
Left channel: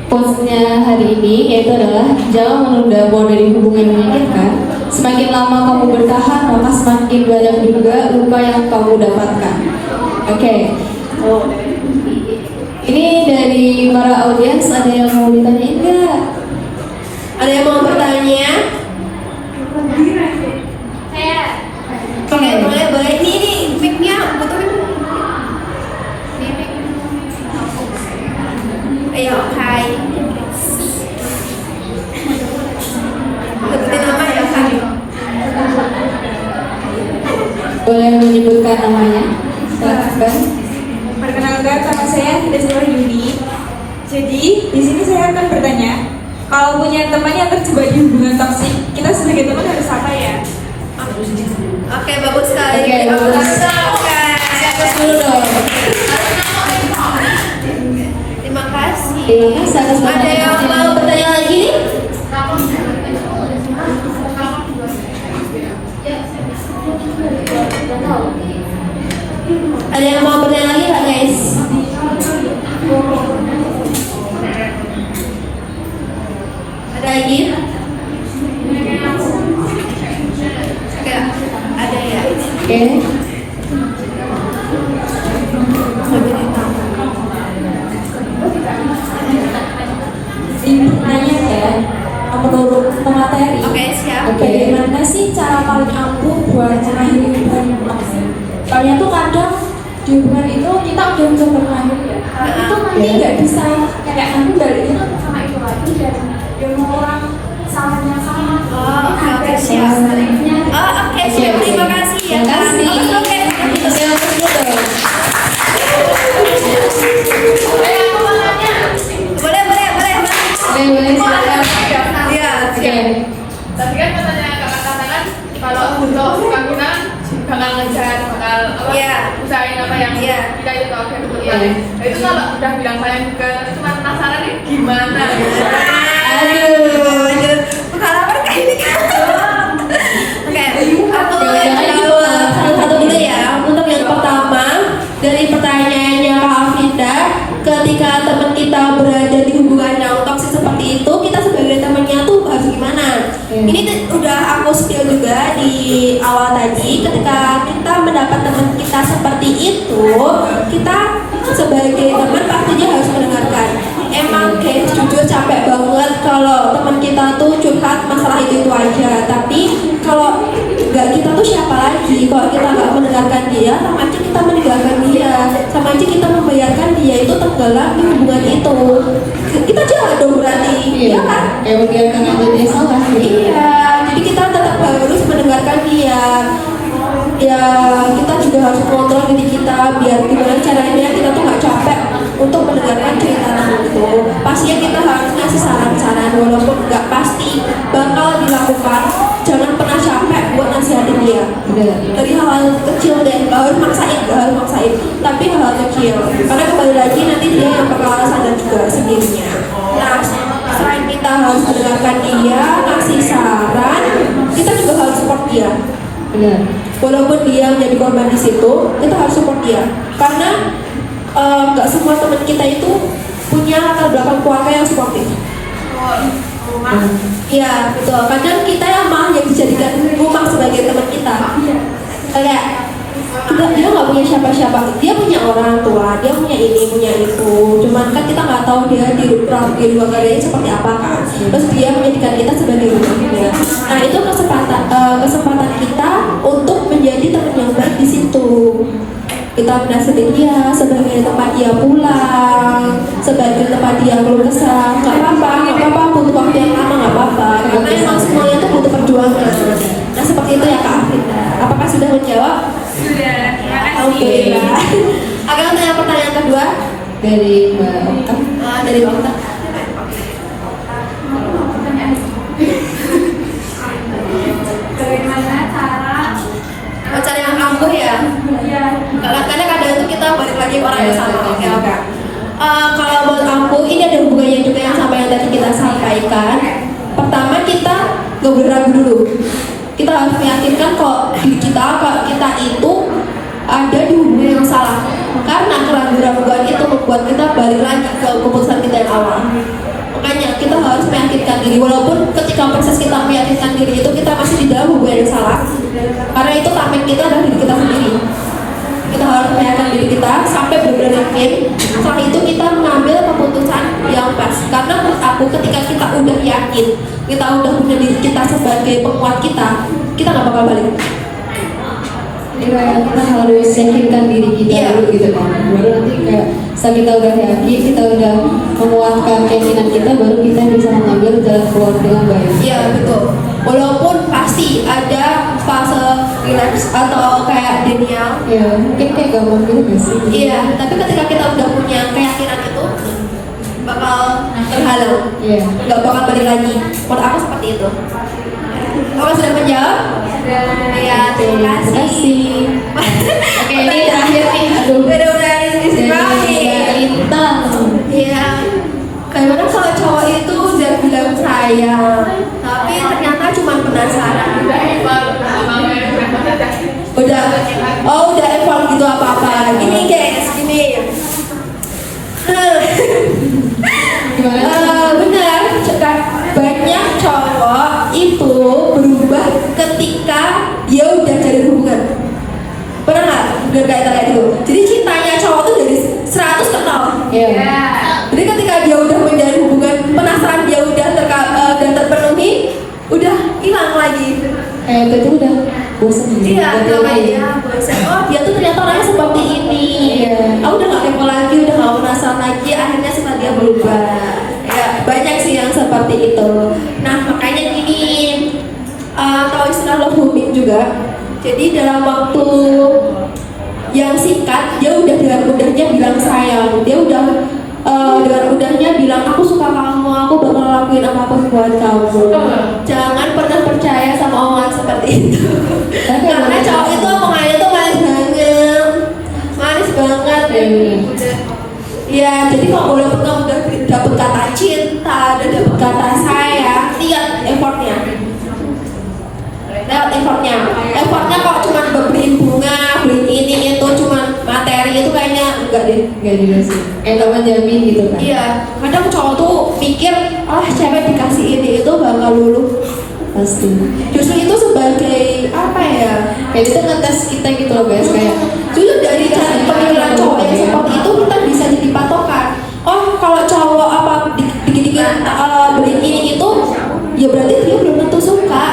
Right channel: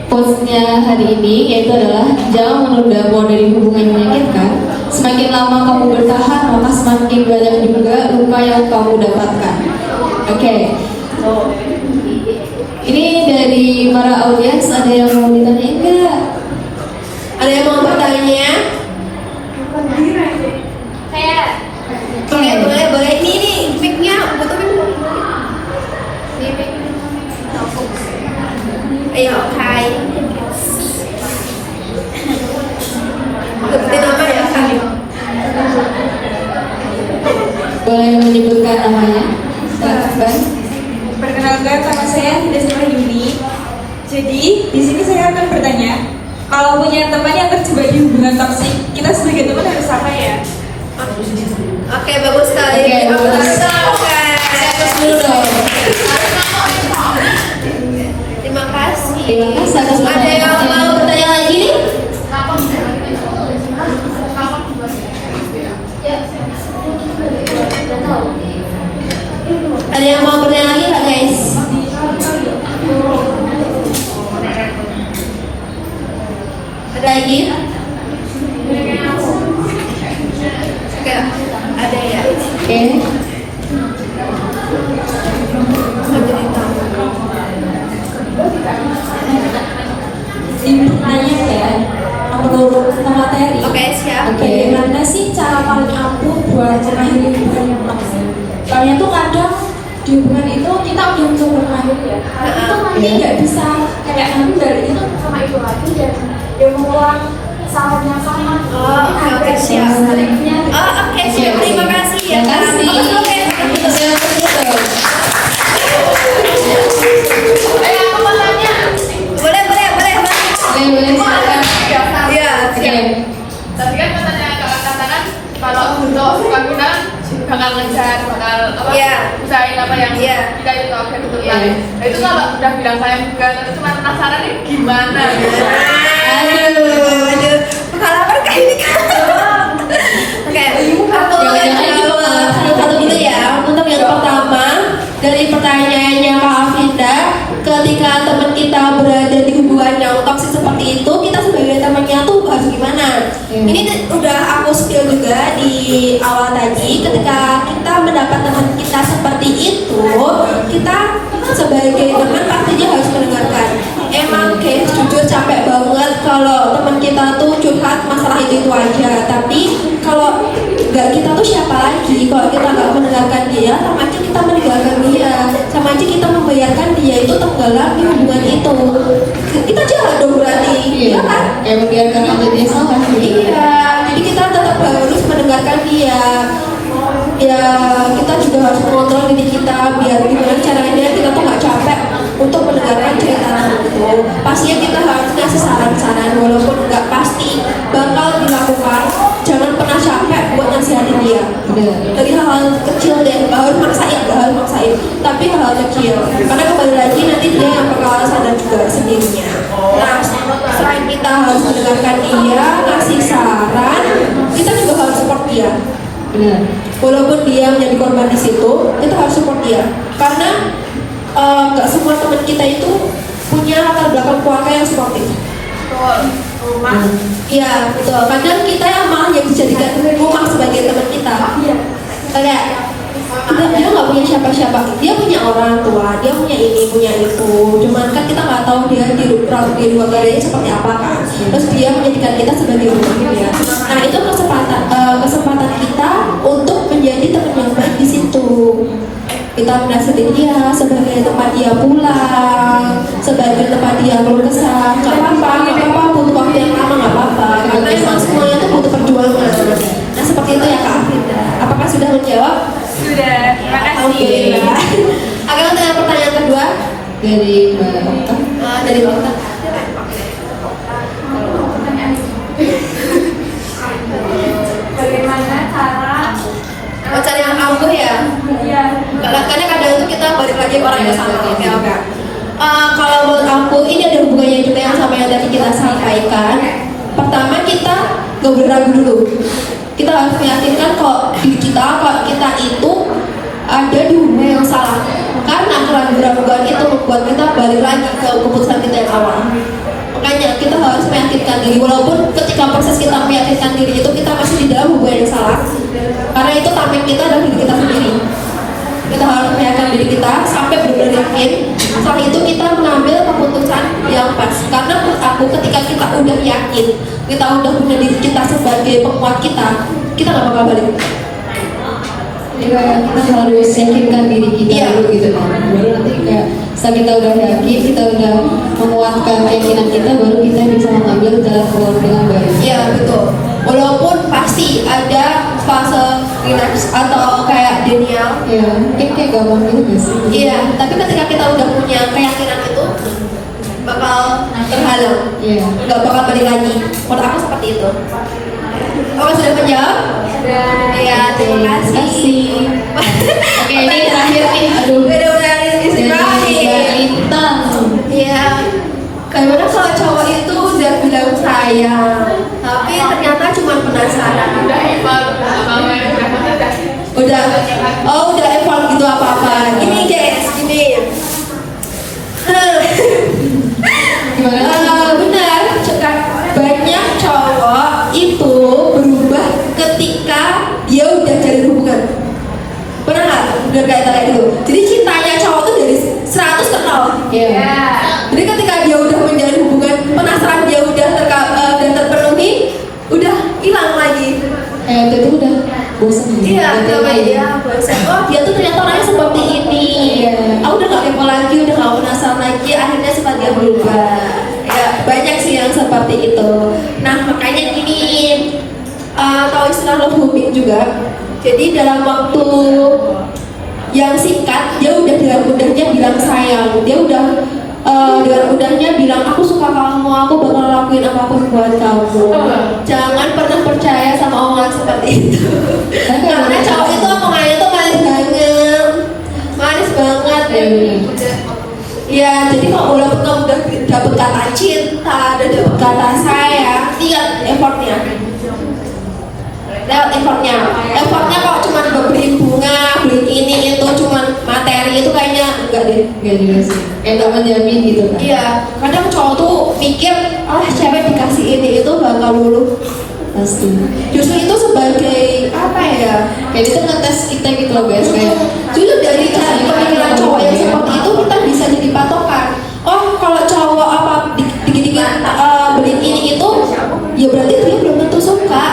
quotes-nya hari ini yaitu adalah jangan menunda keluar dari hubungan yang menyakitkan. Semakin lama kamu bertahan, maka semakin banyak juga luka yang kamu dapatkan. Oke, ini dari para audiens, ada yang mau ditanyain nggak? Ada yang mau bertanya? Boleh. Ini mic-nya betul. Ini mic. Ayo, hai. Seperti nama ya, hai. Boleh menyebutkan namanya? Silakan. Perkenalkan, nama saya Desira Yuni. Jadi di sini saya akan bertanya, kalau punya teman yang terjebak di hubungan toksik, kita sebagai teman harus apa ya? Oke, bagus sekali. Oke, bagus. Siapkan dulu dong. Terima kasih. Terima kasih atas Ada yang mau bertanya lagi? Ada yang mau bertanya lagi nggak guys? Ada lagi? Ada ya. Oke. Ini pertanyaan ya, menurut materi. Oke, siap. Bagaimana sih cara paling ampuh buat cerahin hubungan yang toksik? Soalnya tuh kadang di hubungan itu kita udah mencoba mengakhiri ya, tapi itu nanti nggak bisa kayak nanti baliknya tuh sama itu lagi dan dia mengulang salahnya sama. Oke, siap. Oke, siap. Terima kasih ya. Terima kasih. Oke. Boleh. Boleh silakan. Iya, Oke. Tadi kan pertanyaan katakan kalau suka kita bakal Iya. usahain apa yang Iya. kita itu oke gitu ya. Iya. Itu kalau udah bilang sayang ke cuma penasaran nih gimana? Aduh, pengalaman kayak ini kan. Oke, satu dulu ya. Untuk yang pertama, dari pertanyaannya Rafida, ketika teman kita berada di hubungan yang toksik seperti itu, kita sebagai temannya tuh harus gimana? Ini udah aku spill juga di awal tadi. Ketika kita mendapat teman kita seperti itu, kita sebagai teman pastinya harus mendengarkan. Emang guys, jujur capek banget kalau teman kita tuh curhat masalah itu aja. Tapi kalau nggak kita tuh siapa lagi? Kalau kita nggak mendengarkan dia, sama aja kita meninggalkan dia, sama aja kita membiarkan dia itu tenggelam di hubungan itu. Kita jahat dong berarti, ya kan? Kayak membiarkan aja dia salah. Iya, jadi kita tetap harus mendengarkan dia. Ya, kita juga harus kontrol diri kita biar gimana caranya kita tuh nggak capek untuk mendengarkan cerita itu. Pastinya kita harus ngasih kasih saran-saran walaupun nggak pasti bakal dilakukan. Jangan pernah capek buat nasihatin dia. Dari hal-hal kecil deh, harus maksain, tapi hal-hal kecil. Karena kembali lagi nanti dia yang bakal sadar juga sendirinya. Nah, selain kita harus mendengarkan dia, kasih saran, kita juga harus support dia. Benar. Walaupun dia menjadi korban di situ, kita harus support dia. Karena nggak semua teman kita itu punya latar belakang keluarga yang suportif. Iya, betul. Kadang kita yang malah yang dijadikan rumah sebagai teman kita. Kayak dia nggak punya siapa-siapa, dia punya orang tua, dia punya ini, punya itu. Cuman kan kita nggak tahu dia di luar negeri seperti apa kan. Terus dia menjadikan kita sebagai rumah kita. Nah itu kesempatan kita untuk menjadi teman yang baik di situ. Kita menasihati dia sebagai tempat dia pulang, sebagai tempat dia berusaha. Nggak apa-apa, butuh waktu yang lama nggak apa-apa. Karena emang semuanya itu butuh perjuangan. Nah seperti itu ya Kak Afif. Apakah sudah menjawab? Sudah, terima kasih. Oke. Akan tanya pertanyaan kedua Dari dari Dokter. Bagaimana cara Cara yang ampuh ya. ya Kadang-kadang itu kita balik lagi orang yang sama. Oke. Kalau menurut ampuh ini ada hubungannya juga yang sama yang tadi kita sampaikan. Pertama kita nggak boleh ragu dulu. Kita harus meyakinkan kok diri kita itu ada di hubungan yang salah. Karena keraguan itu membuat kita balik lagi ke keputusan kita yang awal. Makanya kita harus meyakinkan diri, walaupun ketika proses kita meyakinkan diri itu kita masih di dalam hubungan yang salah. Karena itu target kita dan diri kita sendiri. Kita harus meyakinkan diri kita sampai benar-benar yakin. Setelah itu kita mengambil keputusan yang pas. Karena menurut aku ketika kita udah yakin, kita udah punya diri kita sebagai penguat kita nggak bakal balik. kita harus yakinkan diri kita dulu gitu kan. Nanti kayak sampai kita udah yakin, kita udah menguatkan keyakinan kita, baru kita bisa mengambil jalan dengan baik. Iya betul. Walaupun pasti ada fase relax atau kayak denial. Iya, mungkin kayak gampang juga sih. Iya, tapi ketika kita udah punya keyakinan itu bakal terhalang. Iya. Nggak bakal balik lagi. Menurut aku seperti itu. Oh, sudah menjawab? Iya, terima kasih. Oke, ini terakhir nih. Aduh. Udah ini Dari kita. Iya. Gimana kalau cowok itu udah bilang sayang, tapi ternyata cuma penasaran. Udah eval gitu apa-apa. Gini guys, gini. Benar, banyak cowok itu berubah ketika dia udah jadi hubungan. Pernah nggak? Udah kayak itu. Jadi cintanya cowok tuh dari 100 ke 0. Iya. Jadi ketika dia udah menjalin hubungan, penasaran dia udah terpenuhi, udah hilang lagi. Itu udah bosan. Iya, namanya dia bosan. Oh, dia tuh ternyata orangnya seperti ini. Aku udah gak kepo lagi, udah gak penasaran lagi. Akhirnya seperti dia berubah. Ya, banyak sih yang seperti itu. Nah, makanya gini, tahu istilah love bombing juga. Jadi dalam waktu yang singkat, dia udah dengan mudahnya bilang sayang. Dia udah dengan mudahnya bilang aku suka kamu, aku bakal lakuin apapun buat kamu. Jangan pernah percaya sama omongan seperti itu. Karena cowok itu omongannya tuh manis banget. Ya, jadi kalau udah dapet kata cinta, dan dapet kata sayang, lihat effortnya. Lewat effortnya kalau cuma beli bunga, beli ini itu cuma materi itu kayaknya enggak deh. Gak juga sih. Kayak tak menjamin gitu kan. Iya, kadang cowok tuh mikir, cewek dikasih ini itu bakal lulu. Pasti. Justru itu sebagai apa ya? Kayak itu ngetes kita gitu loh guys. Kayak Dulu dari cara pemikiran cowok yang seperti itu kita bisa jadi patokan. Oh, kalau cowok apa dikit-dikit beli ini itu, ya berarti dia belum tentu suka.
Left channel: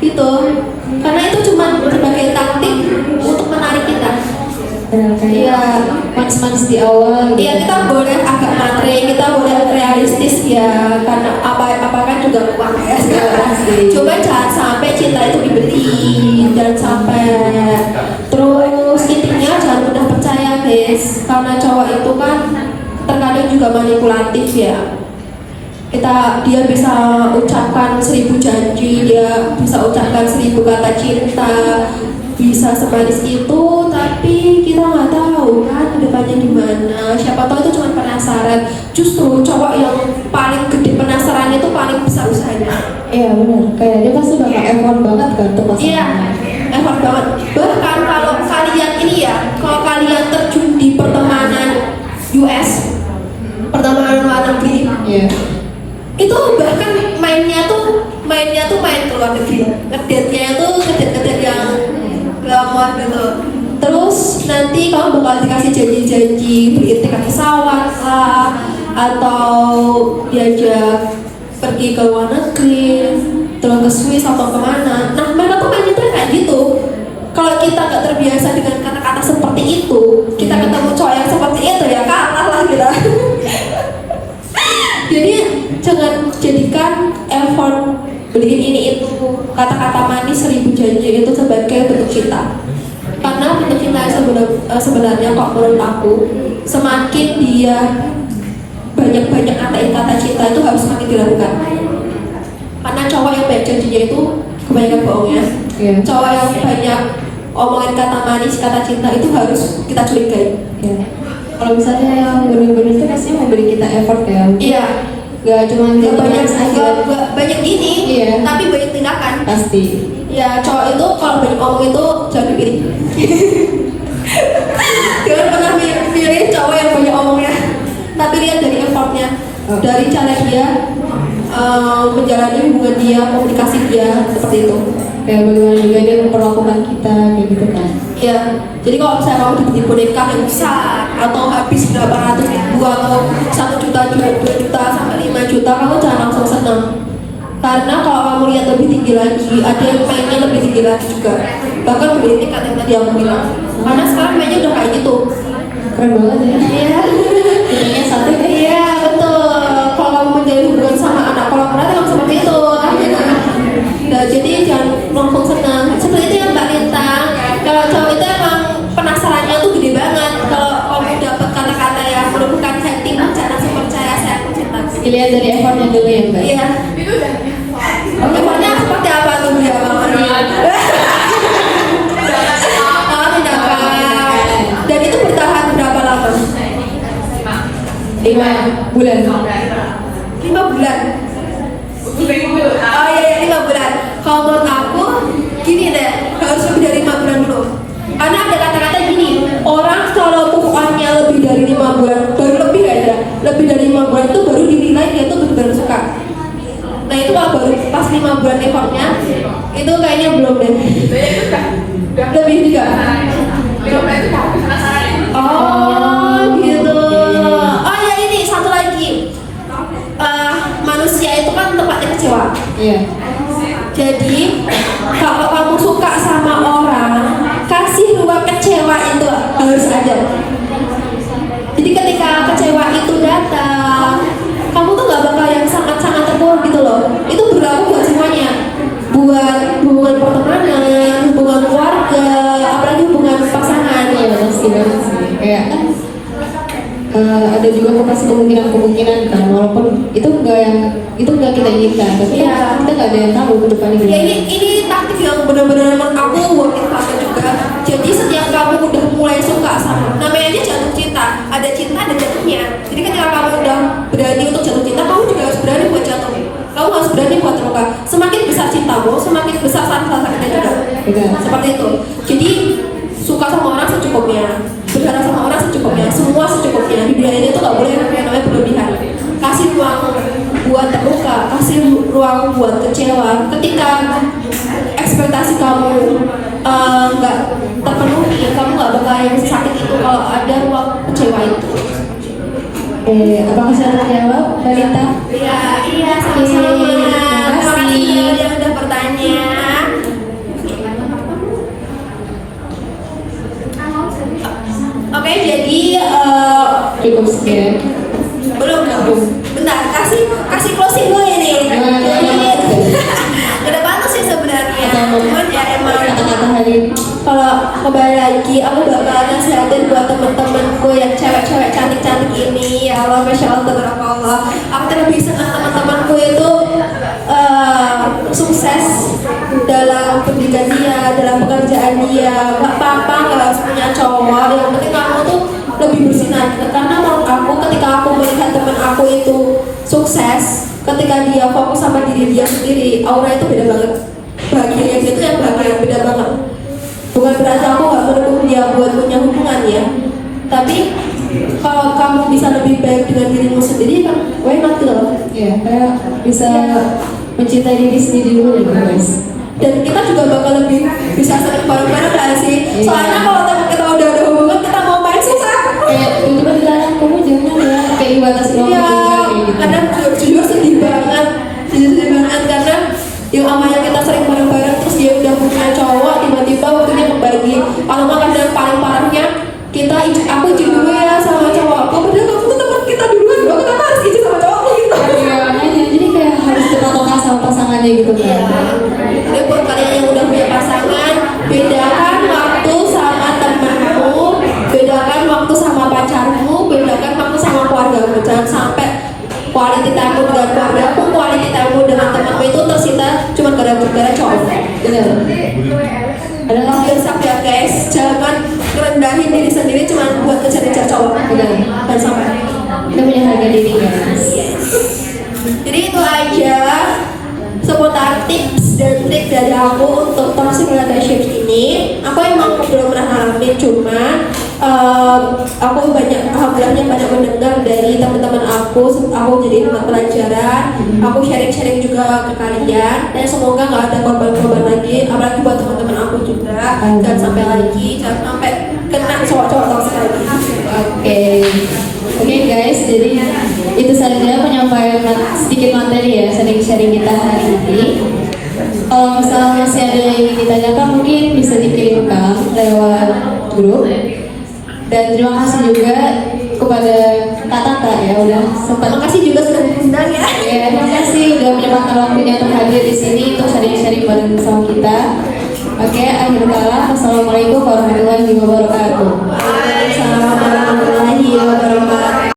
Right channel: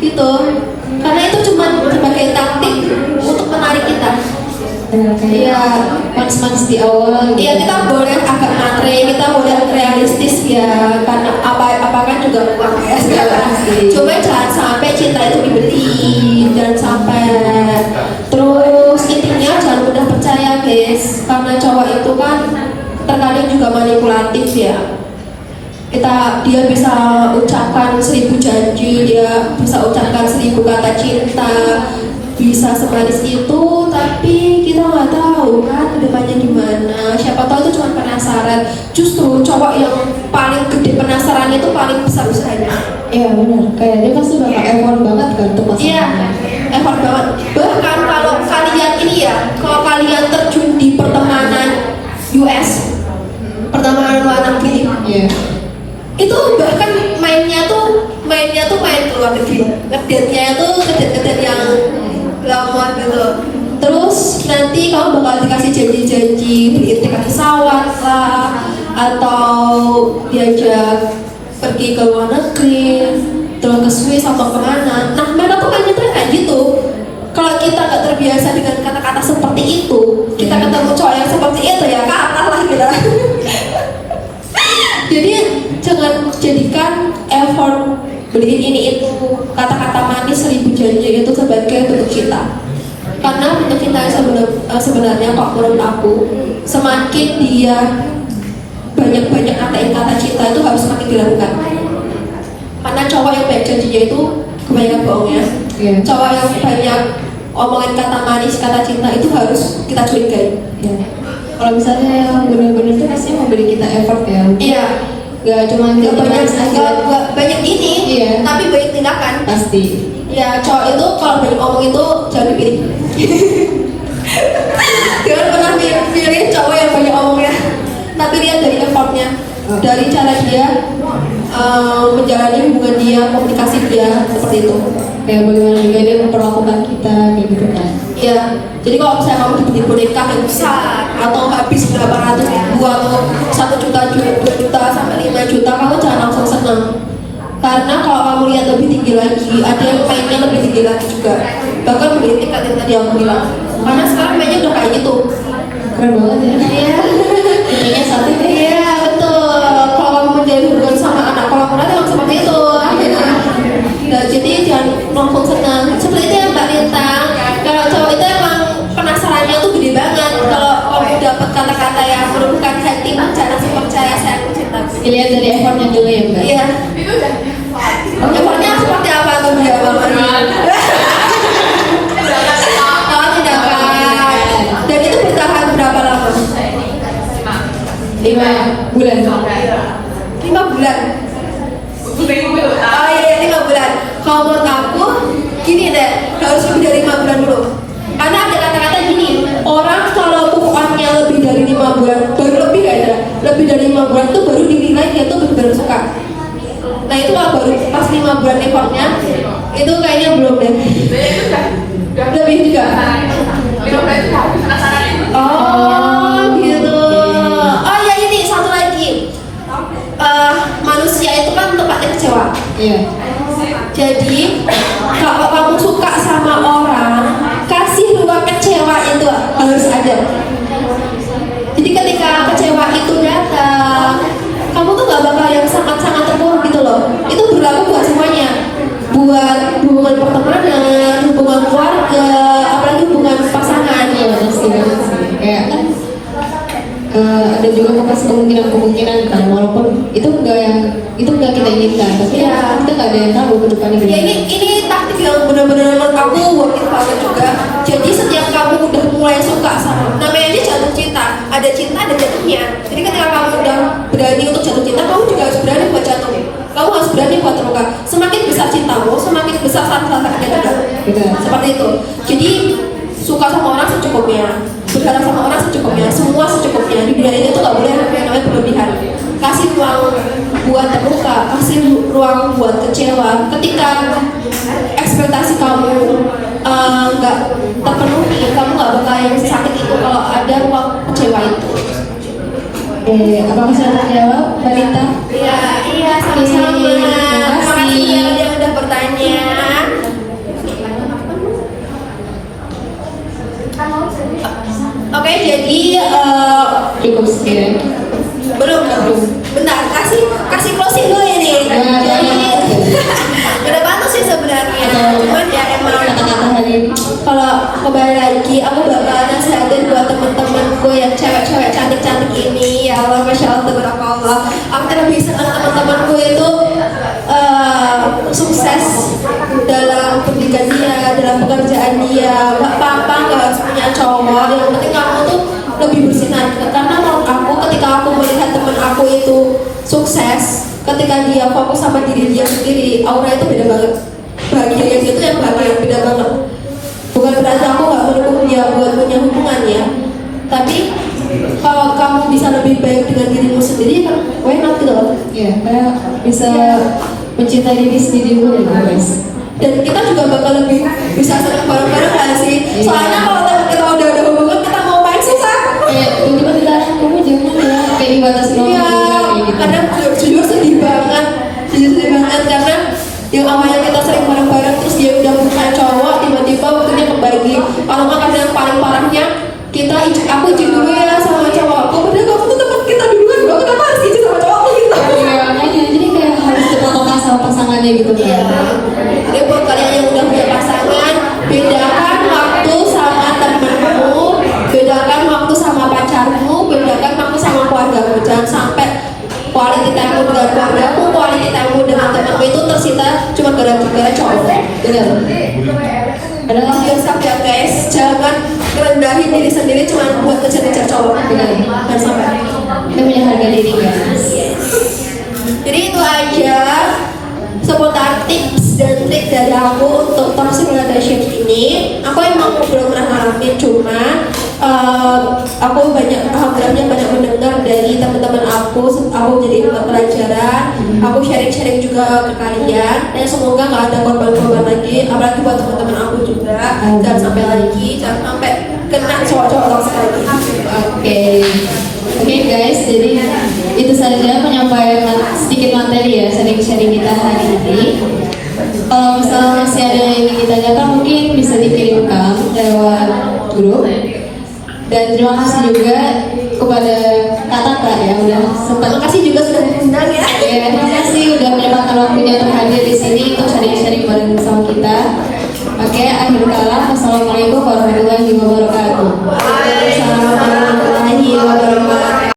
Gitu. Karena itu cuma sebagai taktik untuk menarik kita. kayak manis-manis di awal. Iya, kita boleh agak matre, kita boleh realistis ya. Karena apa-apa juga uang ya sekarang. Coba jangan sampai cinta itu dibeli, jangan sampai. Terus intinya jangan mudah percaya guys, karena cowok itu kan terkadang juga manipulatif ya. dia bisa ucapkan 1000 janji, dia bisa ucapkan 1000 kata cinta, bisa semanis itu, tapi kita nggak tahu kan depannya gimana. Siapa tahu itu cuma penasaran. Justru cowok yang paling gede penasarannya itu paling besar-besarnya. Iya benar, kayaknya pasti bakal effort banget kan untuk Iya, effort banget. Bahkan kalau kalian ini ya, kalau kalian terjun di pertemanan US, pertemanan luar negeri, Iya. itu bahkan mainnya tuh main ke luar negeri. Ngedate-nya itu ngedate yang glamor gitu. Terus nanti kamu bakal dikasih janji-janji beliin tiket pesawat lah, atau diajak pergi ke luar negeri, jalan ke Swiss atau kemana. Nah mereka tuh mainnya kayak gitu. Kalau kita gak terbiasa dengan kata-kata seperti itu, kita ketemu cowok yang seperti itu ya kalah lah ya. Jadi jangan jadikan effort beliin ini itu, kata-kata manis 1000 janji itu sebagai bentuk cinta. Karena bentuk cinta sebenarnya Pak, menurut aku, semakin dia banyak-banyak kata cinta itu harus semakin dilakukan. Karena cowok yang banyak janjinya itu kebanyakan bohongnya. Cowok yang banyak omongin kata manis, kata cinta itu harus kita curigai. Kalau misalnya yang benar-benar itu pasti memberi kita effort ya. Iya. Gak cuma kita banyak ini, Iya. tapi banyak tindakan. pasti. Ya cowok itu kalau dari ngomong itu jangan pilih. Jangan pernah pilih cowok yang banyak omongnya, tapi lihat dari effortnya, dari cara dia menjalani hubungan dia, komunikasi dia, seperti itu. Kayak bagaimana juga dia memperlakukan kita gitu kan. Ya, jadi kalau misalnya kamu dibeli boneka yang besar atau habis berapa ratus ribu atau 1 juta, 2 juta, sampai 5 juta, kamu jangan langsung senang. Karena kalau kamu lihat lebih tinggi lagi, ada yang mainnya lebih tinggi lagi juga. Bahkan beli tiket yang tadi aku bilang. Karena sekarang mainnya udah kayak gitu. Keren banget ya. Iya. Kayaknya saat ini Iya, betul. Kalau kamu menjalin hubungan sama anak orang itu seperti itu. Nah, jadi jangan langsung senang. Seperti itu yang Mbak Lintang. Kalau cowok itu emang penasarannya tuh gede banget. Kalau kamu dapat kata-kata yang menunjukkan sentimen, jangan langsung percaya saya cinta. dilihat dari effortnya dulu ya Mbak. Iya. Effortnya seperti apa tuh Mbak? Oh, tindakan. Dan itu bertahan berapa lama? 5 bulan. 5 bulan. Oh iya, 5 bulan. Kalau menurut aku, gini deh, harus lebih dari 5 bulan dulu. Karena ada kata-kata gini, orang kalau upahnya lebih dari 5 bulan, baru lebih ada, lebih dari 5 bulan itu baru dinilai dia tuh benar-benar suka. Nah itu kalau baru pas 5 bulan effortnya, itu kayaknya belum deh. Lebih juga. Oh gitu. Oh ya ini satu lagi. Manusia itu kan tempatnya kecewa. Iya. Jadi kalau kamu suka sama orang, kasih ruang kecewa itu harus ada. Jadi ketika kecewa itu datang, kamu tuh gak bakal yang sangat-sangat terpuruk gitu loh. Itu berlaku buat semuanya, buat hubungan pertemanan, hubungan keluarga, apalagi hubungan pasangan. Iya pasti banget sih. Kayak kan ada juga kemungkinan kan, walaupun itu enggak kita inginkan. Maksudnya kita nggak ada yang tahu ke depan Ya ini taktik yang benar-benar menurut aku working banget juga. Jadi setiap kamu udah mulai suka sama, namanya aja jatuh cinta, ada cinta ada jatuhnya. Jadi ketika kamu udah berani untuk jatuh cinta, kamu juga harus berani buat jatuh. Kamu harus berani buat terluka. Semakin besar cintamu, semakin besar tantangannya juga. Seperti itu. Jadi suka sama orang secukupnya, berjalan sama orang secukupnya, semua secukupnya. Di dunia ini tuh nggak boleh namanya berlebihan. Kasih ruang buat terluka, kasih ruang buat kecewa. Ketika ekspektasi kamu nggak terpenuhi, kamu nggak bakal yang sakit itu kalau ada ruang kecewa itu. apa bisa terjawab Balita? Iya, sama-sama. Terima kasih yang udah bertanya. Oke, jadi Cukup sekian. belum. Bentar, kasih closing dulu ini. Udah bagus sih sebenarnya. Cuman ya emang kalau kembali lagi, aku bakal nasihatin buat teman-temanku yang cewek-cewek cantik-cantik ini. Ya Allah, masya Allah, beberapa Allah. Aku lebih senang teman-temanku itu sukses dalam pendidikan dia, dalam pekerjaan dia. Nggak apa-apa nggak harus punya cowok, yang penting aku tuh lebih bersinar. Karena menurut aku ketika aku melihat teman aku itu sukses, ketika dia fokus sama diri dia sendiri, aura itu beda banget. Bahagia itu yang bahagia beda banget. Bukan berarti aku nggak mendukung dia buat punya hubungan ya, tapi kalau kamu bisa lebih baik dengan dirimu sendiri, kan why not gitu loh. Ya, kayak bisa mencintai diri sendiri dulu ya guys. Dan kita juga bakal lebih bisa sering bareng-bareng nggak sih? Soalnya kalau teman kita udah ada hubungan, kita mau main susah. Kayak tiba-tiba dilarang kamu jangan ya, kayak dibatasi Iya, gitu. kadang juga sedih banget, karena yang awalnya kita sering bareng-bareng terus dia udah punya cowok, tiba-tiba waktunya kembali. Kalau nggak kadang paling parahnya kita aku juga ya sama cowok aku, udah kamu teman kita duluan, bro, kenapa harus gitu sama cowok gitu? Jadi kayak harus bertolak sama pasangannya gitu ya. Jadi buat kalian yang udah punya pasangan, bedakan waktu sama temenmu, bedakan waktu sama pacarmu, bedakan waktu sama keluargamu. Jangan sampai quality time dengan keluargamu, quality time dengan temanmu itu tersita cuma gara-gara cowok. Bener. Adalah yang sabda guys, jangan merendahin diri sendiri cuma buat kejar-kejar cowok. Bener. Dan sampai Itu punya harga diri guys. jadi itu aja seputar tips dan trik dari aku untuk toxic relationship ini. Aku emang belum pernah ngalamin, cuma aku alhamdulillahnya banyak mendengar dari teman-teman aku jadi pelajaran. Aku sharing-sharing juga ke kalian, dan semoga nggak ada korban-korban lagi, apalagi buat teman-teman aku juga. Dan sampai lagi, jangan sampai kena cowok-cowok toxic lagi. Oke guys, jadi itu saja penyampaian sedikit materi ya, sharing-sharing kita hari ini. Kalau misalnya masih ada yang ingin ditanyakan mungkin bisa dikirimkan lewat grup. Dan terima kasih juga kepada Kak Tata ya udah sempat. Terima kasih juga sudah diundang ya. Ya, terima kasih udah menyempatkan waktunya untuk hadir di sini untuk sharing-sharing bareng bersama kita. Oke, akhir kata, assalamualaikum warahmatullahi wabarakatuh. Waalaikumsalam warahmatullahi wabarakatuh.